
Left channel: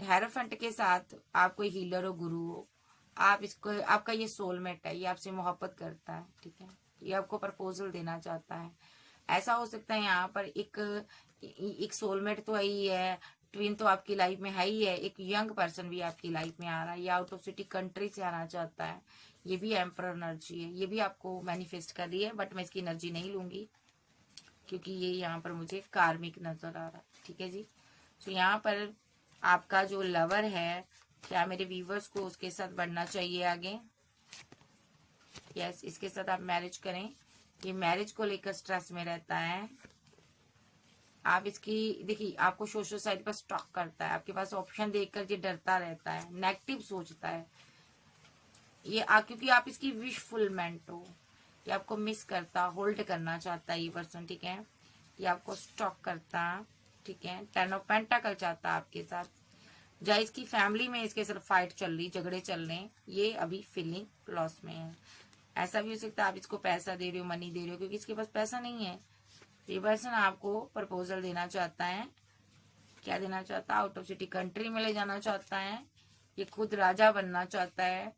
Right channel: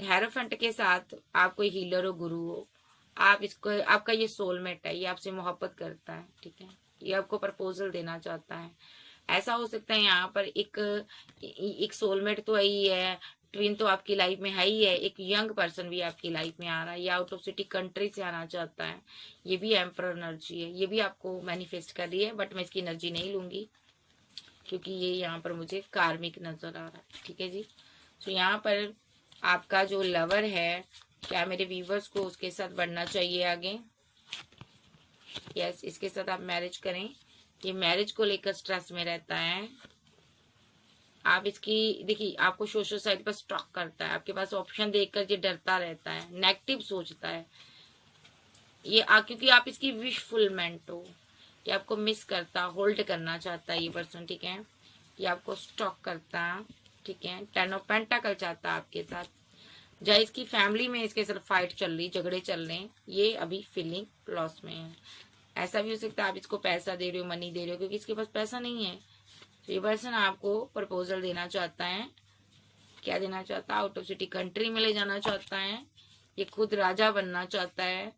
हेरोफेंट के साथ आप कोई हीलर हो, गुरु हो, आप इसको, आपका ये सोलमेट है, ये आपसे मोहब्बत करता है, ठीक है, ये आपको प्रपोजल देना चाहता है। ऐसा हो सकता है यहाँ पर एक सोलमेट तो ही है, ट्विन तो आपकी लाइफ में है ही है, एक यंग पर्सन भी आपकी लाइफ में आ रहा है, ये आउट ऑफ सिटी कंट्री से आना चाहता है, ये भी एम्परर एनर्जी है, ये भी आपको मैनिफेस्ट कर रही है, बट मैं इसकी एनर्जी नहीं लूंगी क्योंकि ये यहाँ पर मुझे कार्मिक नजर आ रहा है, ठीक है जी। तो यहाँ पर आपका जो लवर है, क्या मेरे व्यूवर्स को उसके साथ बढ़ना चाहिए आगे? यस, इसके साथ आप मैरिज करें। ये मैरिज को लेकर स्ट्रेस में रहता है। आप इसकी देखिए, आपको सोशल साइट पर स्टॉक करता है, आपके पास ऑप्शन देखकर ये डरता रहता है, नेगेटिव सोचता है ये क्योंकि आप इसकी विश फुलमेंट हो। ये आपको मिस करता, होल्ड करना चाहता है ये पर्सन, ठीक है। ये आपको स्टॉक करता, ठीक है। टेन ऑफ पेंटाकल चाहता आपके साथ, जहाँ इसकी फैमिली में इसके साथ फाइट चल रही, झगड़े चल रहे हैं, ये अभी फीलिंग लॉस में है। ऐसा भी हो सकता है आप इसको पैसा दे रहे हो, मनी दे रहे हो, क्योंकि इसके पास पैसा नहीं है। तो ये पर्सन आपको प्रपोजल देना चाहता है। क्या देना चाहता है? आउट ऑफ सिटी कंट्री में ले जाना चाहता है, ये खुद राजा बनना चाहता है,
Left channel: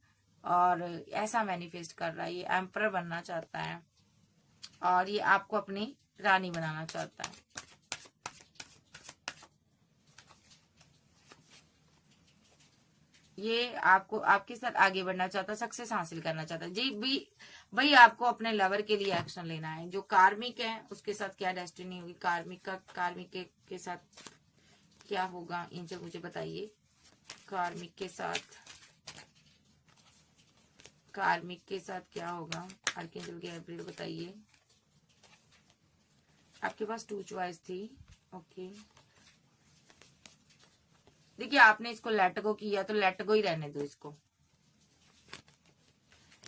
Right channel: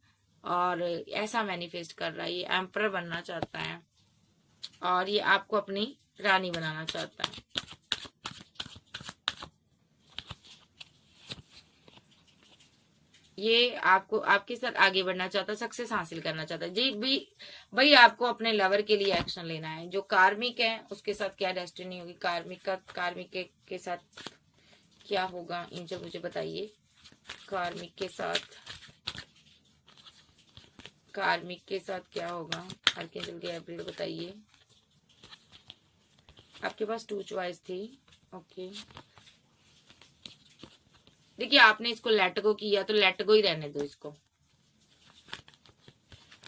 और ऐसा मैनिफेस्ट कर रहा है, ये एम्परर बनना चाहता है, और ये आपको अपनी रानी बनाना चाहता है। ये आपको आपके साथ आगे बढ़ना चाहता है, सक्सेस हासिल करना चाहता है जी भी। भाई आपको अपने लवर के लिए एक्शन लेना है। जो कार्मिक है उसके साथ क्या डेस्टिनी होगी, कार्मिक के साथ क्या होगा, एंजल मुझे बताइए। कार्मिक के साथ क्या होगा, आर्कएंजल गैब्रियल बताइए। आपके पास टू चॉइस थी, ओके। देखिए आपने इसको लेट गो किया तो लेट गो ही रहने दो इसको,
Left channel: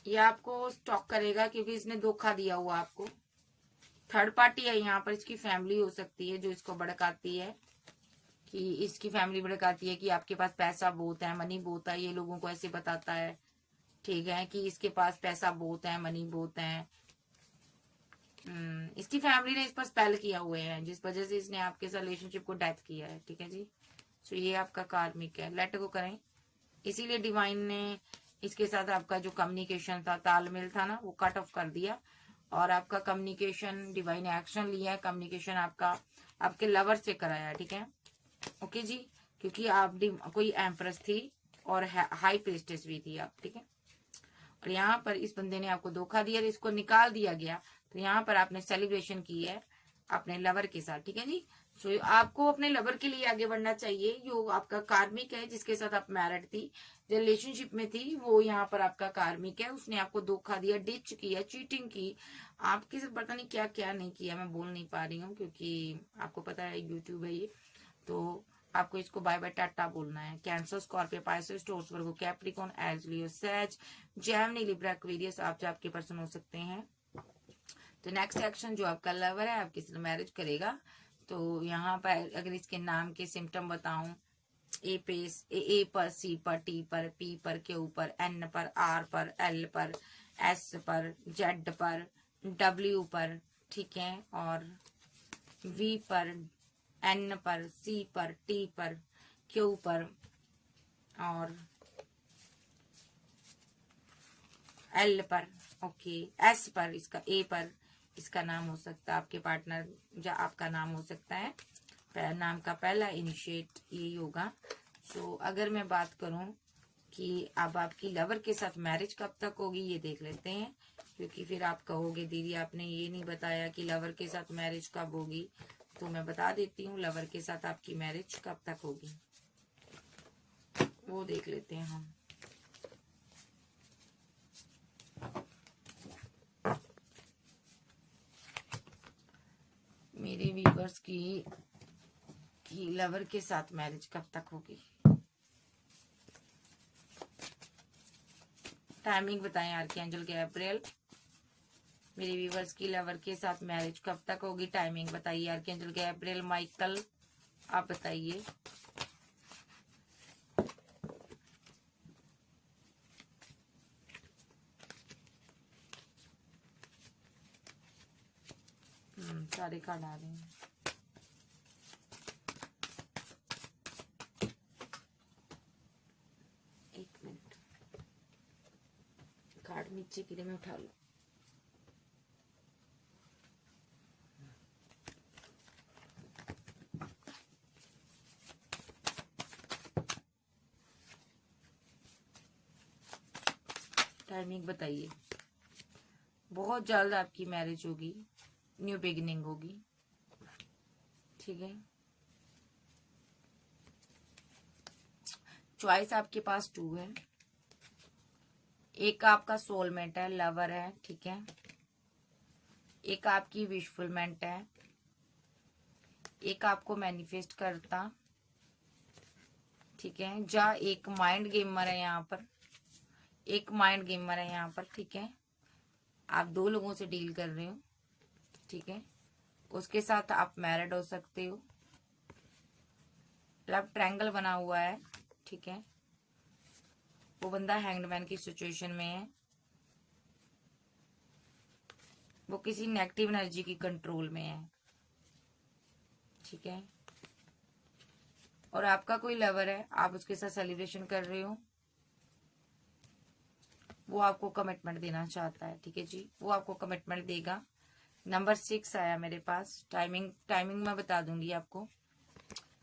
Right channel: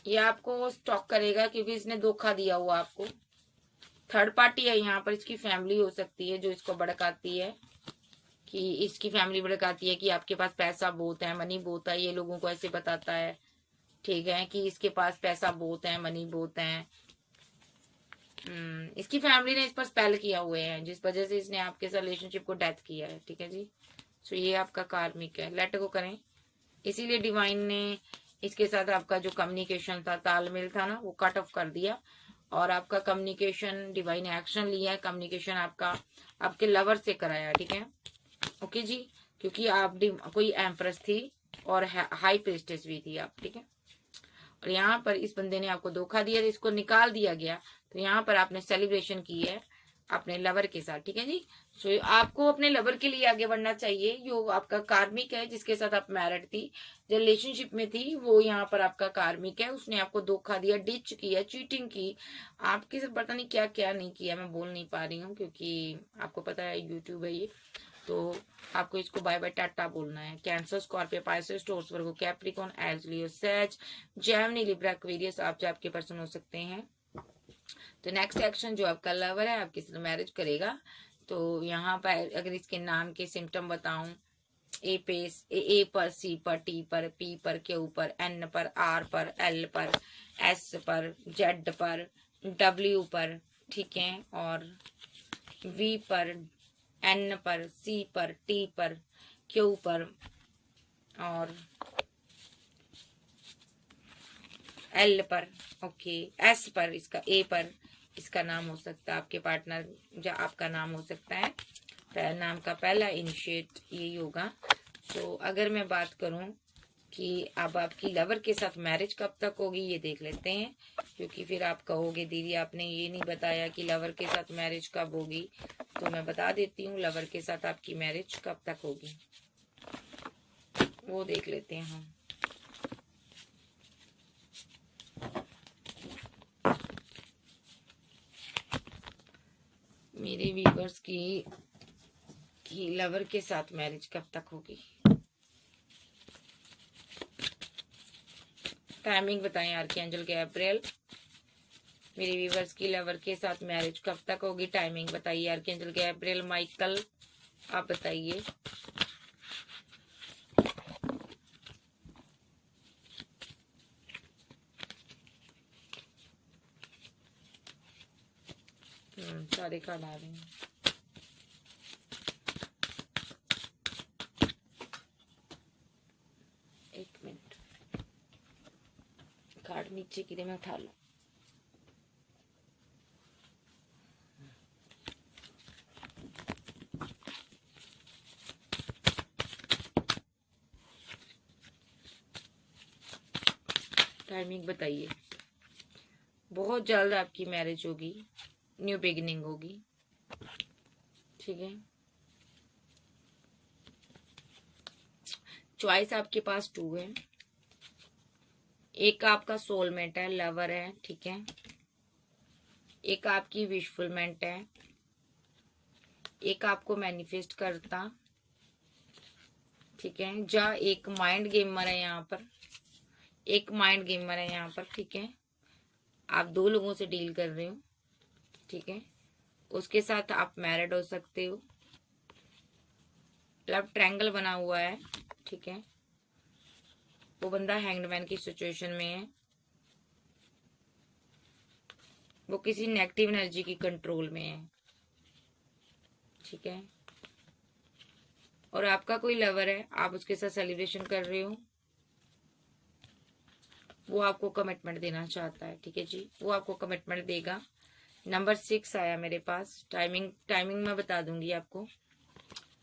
ये आपको स्टॉक करेगा क्योंकि इसने धोखा दिया हुआ आपको। थर्ड पार्टी है यहाँ पर, इसकी फैमिली हो सकती है जो इसको भड़काती है, कि इसकी फैमिली भड़काती है कि आपके पास पैसा बहुत है, मनी बहुत है, ये लोगों को ऐसे बताता है, ठीक है, कि इसके पास पैसा बहुत है, मनी बहुत है। इसकी फैमिली ने इस पर स्पेल किया हुए हैं, जिस वजह से इसने आपके साथ रिलेशनशिप को डेथ किया है, ठीक है जी। सो ये आपका कार्मिक है, लेट गो करें। इसीलिए डिवाइन ने इसके साथ आपका जो कम्युनिकेशन था, तालमेल था ना, वो कट ऑफ कर दिया, और आपका कम्युनिकेशन, डिवाइन एक्शन लिया है, कम्युनिकेशन आपका आपके लवर से कराया, ठीक है, ओके जी। क्योंकि आप कोई एम्प्रेस थी और हाई प्रिस्टेस भी थी आप, ठीक है। और यहाँ पर इस बंदे ने आपको धोखा दिया, इसको निकाल दिया गया, तो यहाँ पर आपने सेलिब्रेशन की है अपने लवर के साथ, ठीक है जी। सो आपको अपने लवर के लिए आगे बढ़ना चाहिए। जो आपका कार्मिक है, जिसके साथ आप मैरिड थी, जो रिलेशनशिप में थी, वो यहाँ पर आपका कार्मिक है, उसने आपको धोखा दिया, डिच किया, चीटिंग की, आपके साथ पता नहीं क्या क्या नहीं किया, मैं बोल नहीं पा रही हूँ क्योंकि आपको पता है यूट्यूब है ये, तो आपको इसको बाय बाय टाटा बोलना है। Cancer, Scorpio, Pisces, Taurus, Virgo, Capricorn, Aries, लियो, सेज, जेमिनी, लिब्रा, एक्वेरियस आप जो आपके पर्सन हो सकते हैं। तो नेक्स्ट एक्शन, जो आपका लवर है आपके साथ मैरिज करेगा, तो यहाँ पर अगर इसके नाम के सिम्टम बताऊं, ए पर, सी पर, टी पर, पी पर, क्यू पर, एन पर, आर पर, एल पर, एस पर, जेड पर, डब्ल्यू पर, ठीक है, और वी पर, एन पर, सी पर, टी पर, क्यू पर, और एल पर, ओके, एस पर, इसका ए पर इसका नाम हो सकता है, आपके पार्टनर या आपका नाम हो सकता है, नाम का पहला इनिशिएट यही होगा। सो अगर मैं बात करूं कि अब आपकी लवर के साथ मैरिज कब तक होगी, ये देख लेते हैं, क्योंकि फिर आप कहोगे दीदी आपने ये नहीं बताया कि लवर के साथ मैरिज कब होगी। तो मैं बता देती हूँ लवर के साथ आपकी मैरिज कब तक होगी, वो देख लेते हैं हम। मेरे व्यूअर्स की लवर के साथ मैरिज कब तक होगी, टाइमिंग बताएं आर्कएंजल गैब्रिएल। मेरे व्यूअर्स की लवर के साथ मैरिज कब तक होगी, टाइमिंग बताइए आर्कएंजल गैब्रिएल माइकल, आप बताइए। सारे कार्ड आ रहे हैं। एक मिनट, कार्ड नीचे गिरे, मैं उठा लूं। टाइमिंग बताइए। बहुत जल्द आपकी मैरिज होगी, न्यू बिगिनिंग होगी, ठीक है। चॉइस आपके पास 2 है, एक आपका सोलमेट है, लवर है, ठीक है, एक आपकी विशफुलमेंट है, एक आपको मैनिफेस्ट करता, ठीक है, जा एक माइंड गेमर है यहाँ पर, एक माइंड गेमर है यहाँ पर, ठीक है। आप 2 लोगों से डील कर रहे हो, ठीक है, उसके साथ आप मैरिड हो सकते हो, लव ट्रायंगल बना हुआ है, ठीक है। वो बंदा हैंगडमैन की सिचुएशन में है, वो किसी नेगेटिव एनर्जी की कंट्रोल में है, ठीक है। और आपका कोई लवर है, आप उसके साथ सेलिब्रेशन कर रहे हो, वो आपको कमिटमेंट देना चाहता है, ठीक है जी, वो आपको कमिटमेंट देगा। नंबर 6 आया मेरे पास, टाइमिंग मैं बता दूंगी आपको।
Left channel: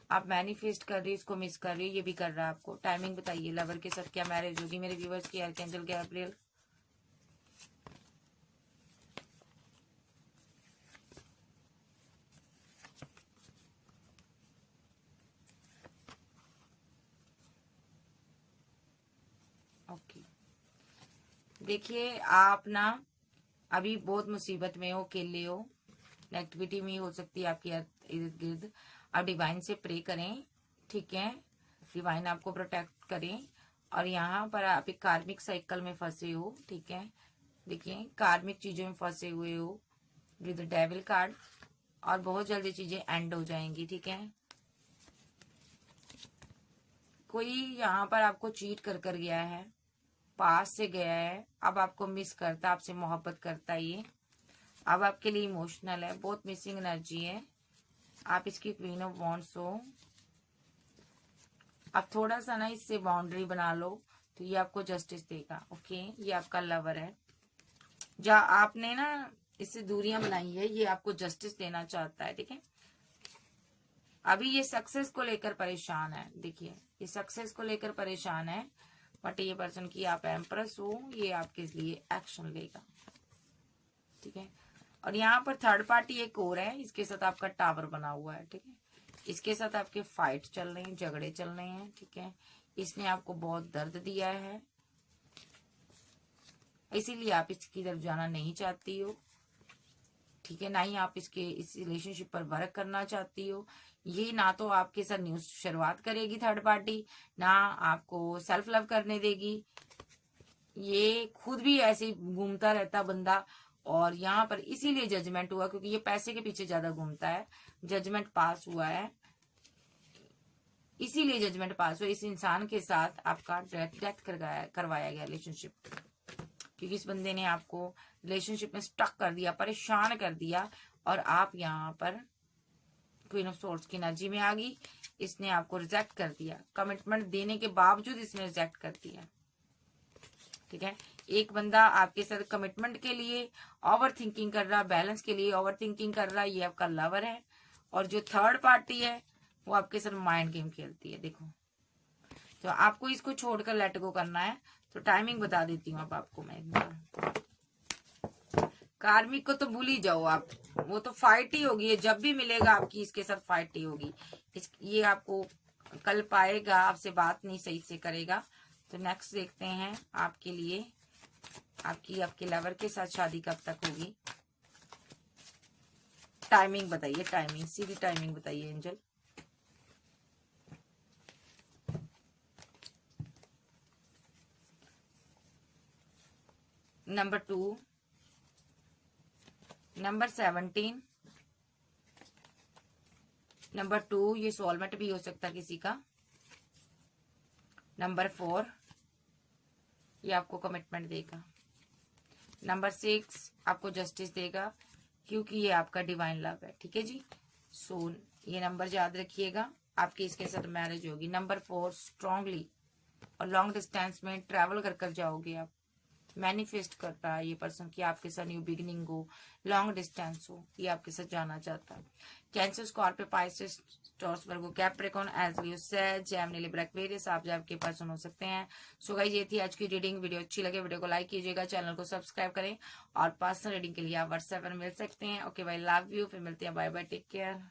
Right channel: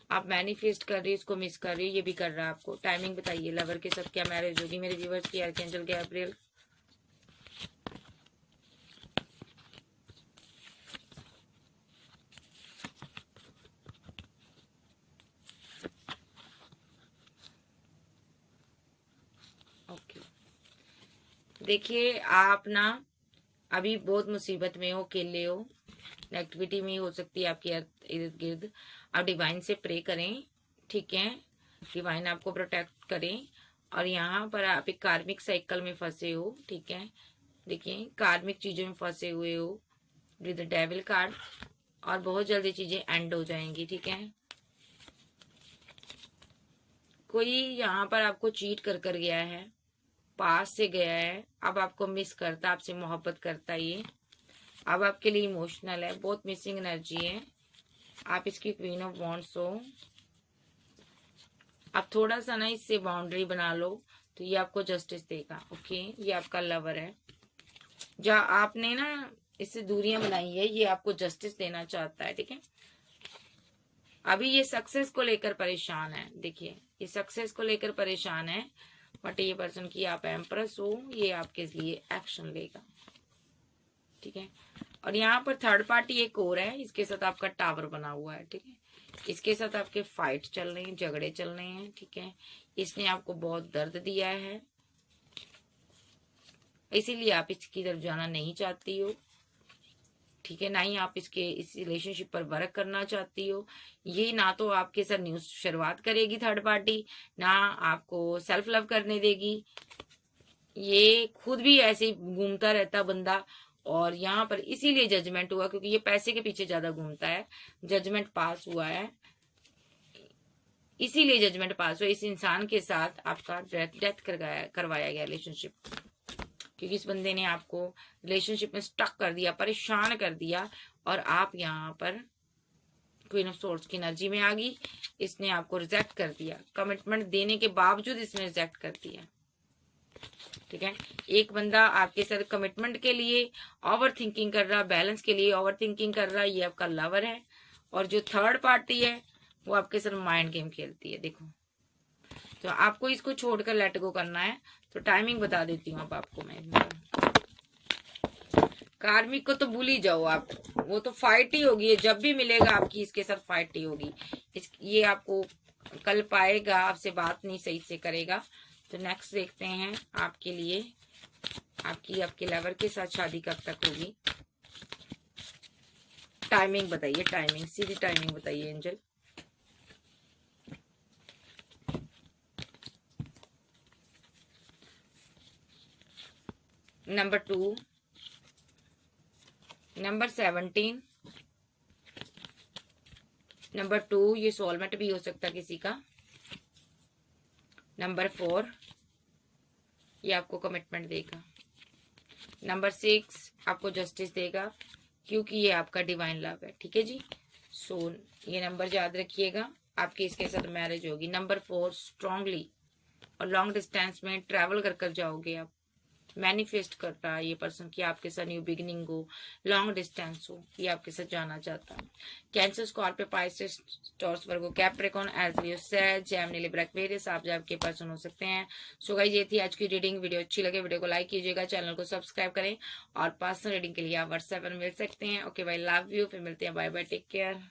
आप मैनिफेस्ट कर रही है, इसको मिस कर रही है, ये भी कर रहा है आपको। टाइमिंग बताइए, लवर के साथ क्या मैरिज होगी मेरे व्यूअर्स की, आर्कएंजल गैब्रिएल। ओके, देखिए आप ना अभी बहुत मुसीबत में हो, अकेले हो, नेगेटिविटी में हो सकती है आपके इर्द गिर्द। आप डिवाइन से प्रे करें, ठीक है, डिवाइन आपको प्रोटेक्ट करें। और यहाँ पर आप एक कार्मिक साइकिल में फंसे हो, ठीक है, देखिए कार्मिक चीजों में फंसे हुए हो विद डेविल कार्ड, और बहुत जल्दी चीजें एंड हो जाएंगी, ठीक है। कोई यहाँ पर आपको चीट कर गया है, पास से गया है, अब आपको मिस करता, आपसे मोहब्बत करता है, ये अब आपके लिए इमोशनल है, बहुत मिसिंग एनर्जी है। आप इसकी क्वीन ऑफ वॉन्ड्स हो। आप थोड़ा सा ना इससे बाउंड्री बना लो तो ये आपको जस्टिस देगा, ओके। ये आपका लवर है, जहाँ आपने ना इससे दूरियां बनाई है, ये आपको जस्टिस देना चाहता है, ठीक है। अभी ये सक्सेस को लेकर परेशान है, देखिए ये सक्सेस को लेकर परेशान है, बट ये पर्सन की आप एम्प्रेस हो, ये आपके लिए एक्शन लेगा, ठीक है। और यहाँ पर थर्ड पार्टी एक और है, इसके साथ आपका टावर बना हुआ है, ठीक है। इसके साथ आपके फाइट चल रहे हैं, झगड़े चल रहे हैं, ठीक है। इसने आपको बहुत दर्द दिया है, इसीलिए आप इसकी तरफ जाना नहीं चाहती हो, ठीक है, ना ही आप इस रिलेशनशिप पर वर्क करना चाहती हो। ये ना तो आपके साथ न्यू शुरुआत करेगी थर्ड पार्टी, ना आपको सेल्फ लव करने देगी, ये खुद भी ऐसे ही घूमता रहता बंदा। और यहाँ पर इसीलिए जजमेंट हुआ, क्योंकि ये पैसे के पीछे ज्यादा घूमता है, जजमेंट पास हुआ है, इसीलिए जजमेंट पास हो, इस इंसान के साथ आपका डेथ करवाया गया रिलेशनशिप, क्योंकि इस बंदे ने आपको रिलेशनशिप में स्टक कर दिया, परेशान कर दिया, और आप यहाँ पर क्वीन ऑफ सोर्ड्स की एनर्जी में आ गई। इसने आपको रिजेक्ट कर दिया, कमिटमेंट देने के बावजूद इसने रिजेक्ट कर दिया। ठीक है, एक बंदा आपके साथ कमिटमेंट के लिए ओवर थिंकिंग कर रहा, बैलेंस के लिए ओवर थिंकिंग कर रहा, ये आपका लवर है। और जो थर्ड पार्टी है वो आपके साथ माइंड गेम खेलती है। देखो, तो आपको इसको छोड़कर लेट गो करना है। तो टाइमिंग बता देती हूँ अब आपको मैं। कार्मिक को तो भूल ही जाओ आप, वो तो फाइट ही होगी, जब भी मिलेगा आपकी इसके साथ फाइट ही होगी। ये आपको कल पाएगा, आपसे बात नहीं सही से करेगा। तो नेक्स्ट देखते हैं आपके लिए, आपके लवर के साथ शादी कब तक होगी। टाइमिंग बताइए, टाइमिंग, सीधी टाइमिंग बताइए एंजल। नंबर 2, नंबर 17, नंबर 2 ये सोलमेट भी हो सकता किसी का। नंबर 4 ये आपको कमिटमेंट देगा। नंबर 6 आपको जस्टिस देगा, क्योंकि ये आपका डिवाइन लव है। ठीक है जी, सो ये नंबर याद रखिएगा, आपकी इसके साथ मैरिज होगी। नंबर 4 स्ट्रांगली और लॉन्ग डिस्टेंस में ट्रैवल कर कर जाओगे आप। मैनिफेस्ट कर रहा है ये पर्सन कि आपके साथ न्यू बिगिनिंग हो, लॉन्ग डिस्टेंस हो, ये आपके साथ जाना चाहता है। Cancer, Scorpio, Pisces, Taurus, Virgo, Capricorn, एज़रियो, सेज, जेमिनी, लिब्रा, एक्वेरियस आप आपके पर्सन हो सकते हैं। सो गाइस, ये थी आज की रीडिंग। वीडियो अच्छी लगे वीडियो को लाइक कीजिएगा, चैनल को सब्सक्राइब करें, और पर्सनल रीडिंग के लिए आप व्हाट्सएप पर मिल सकते हैं। ओके भाई, लव यू, फिर मिलते हैं, बाय बाय, टेक केयर।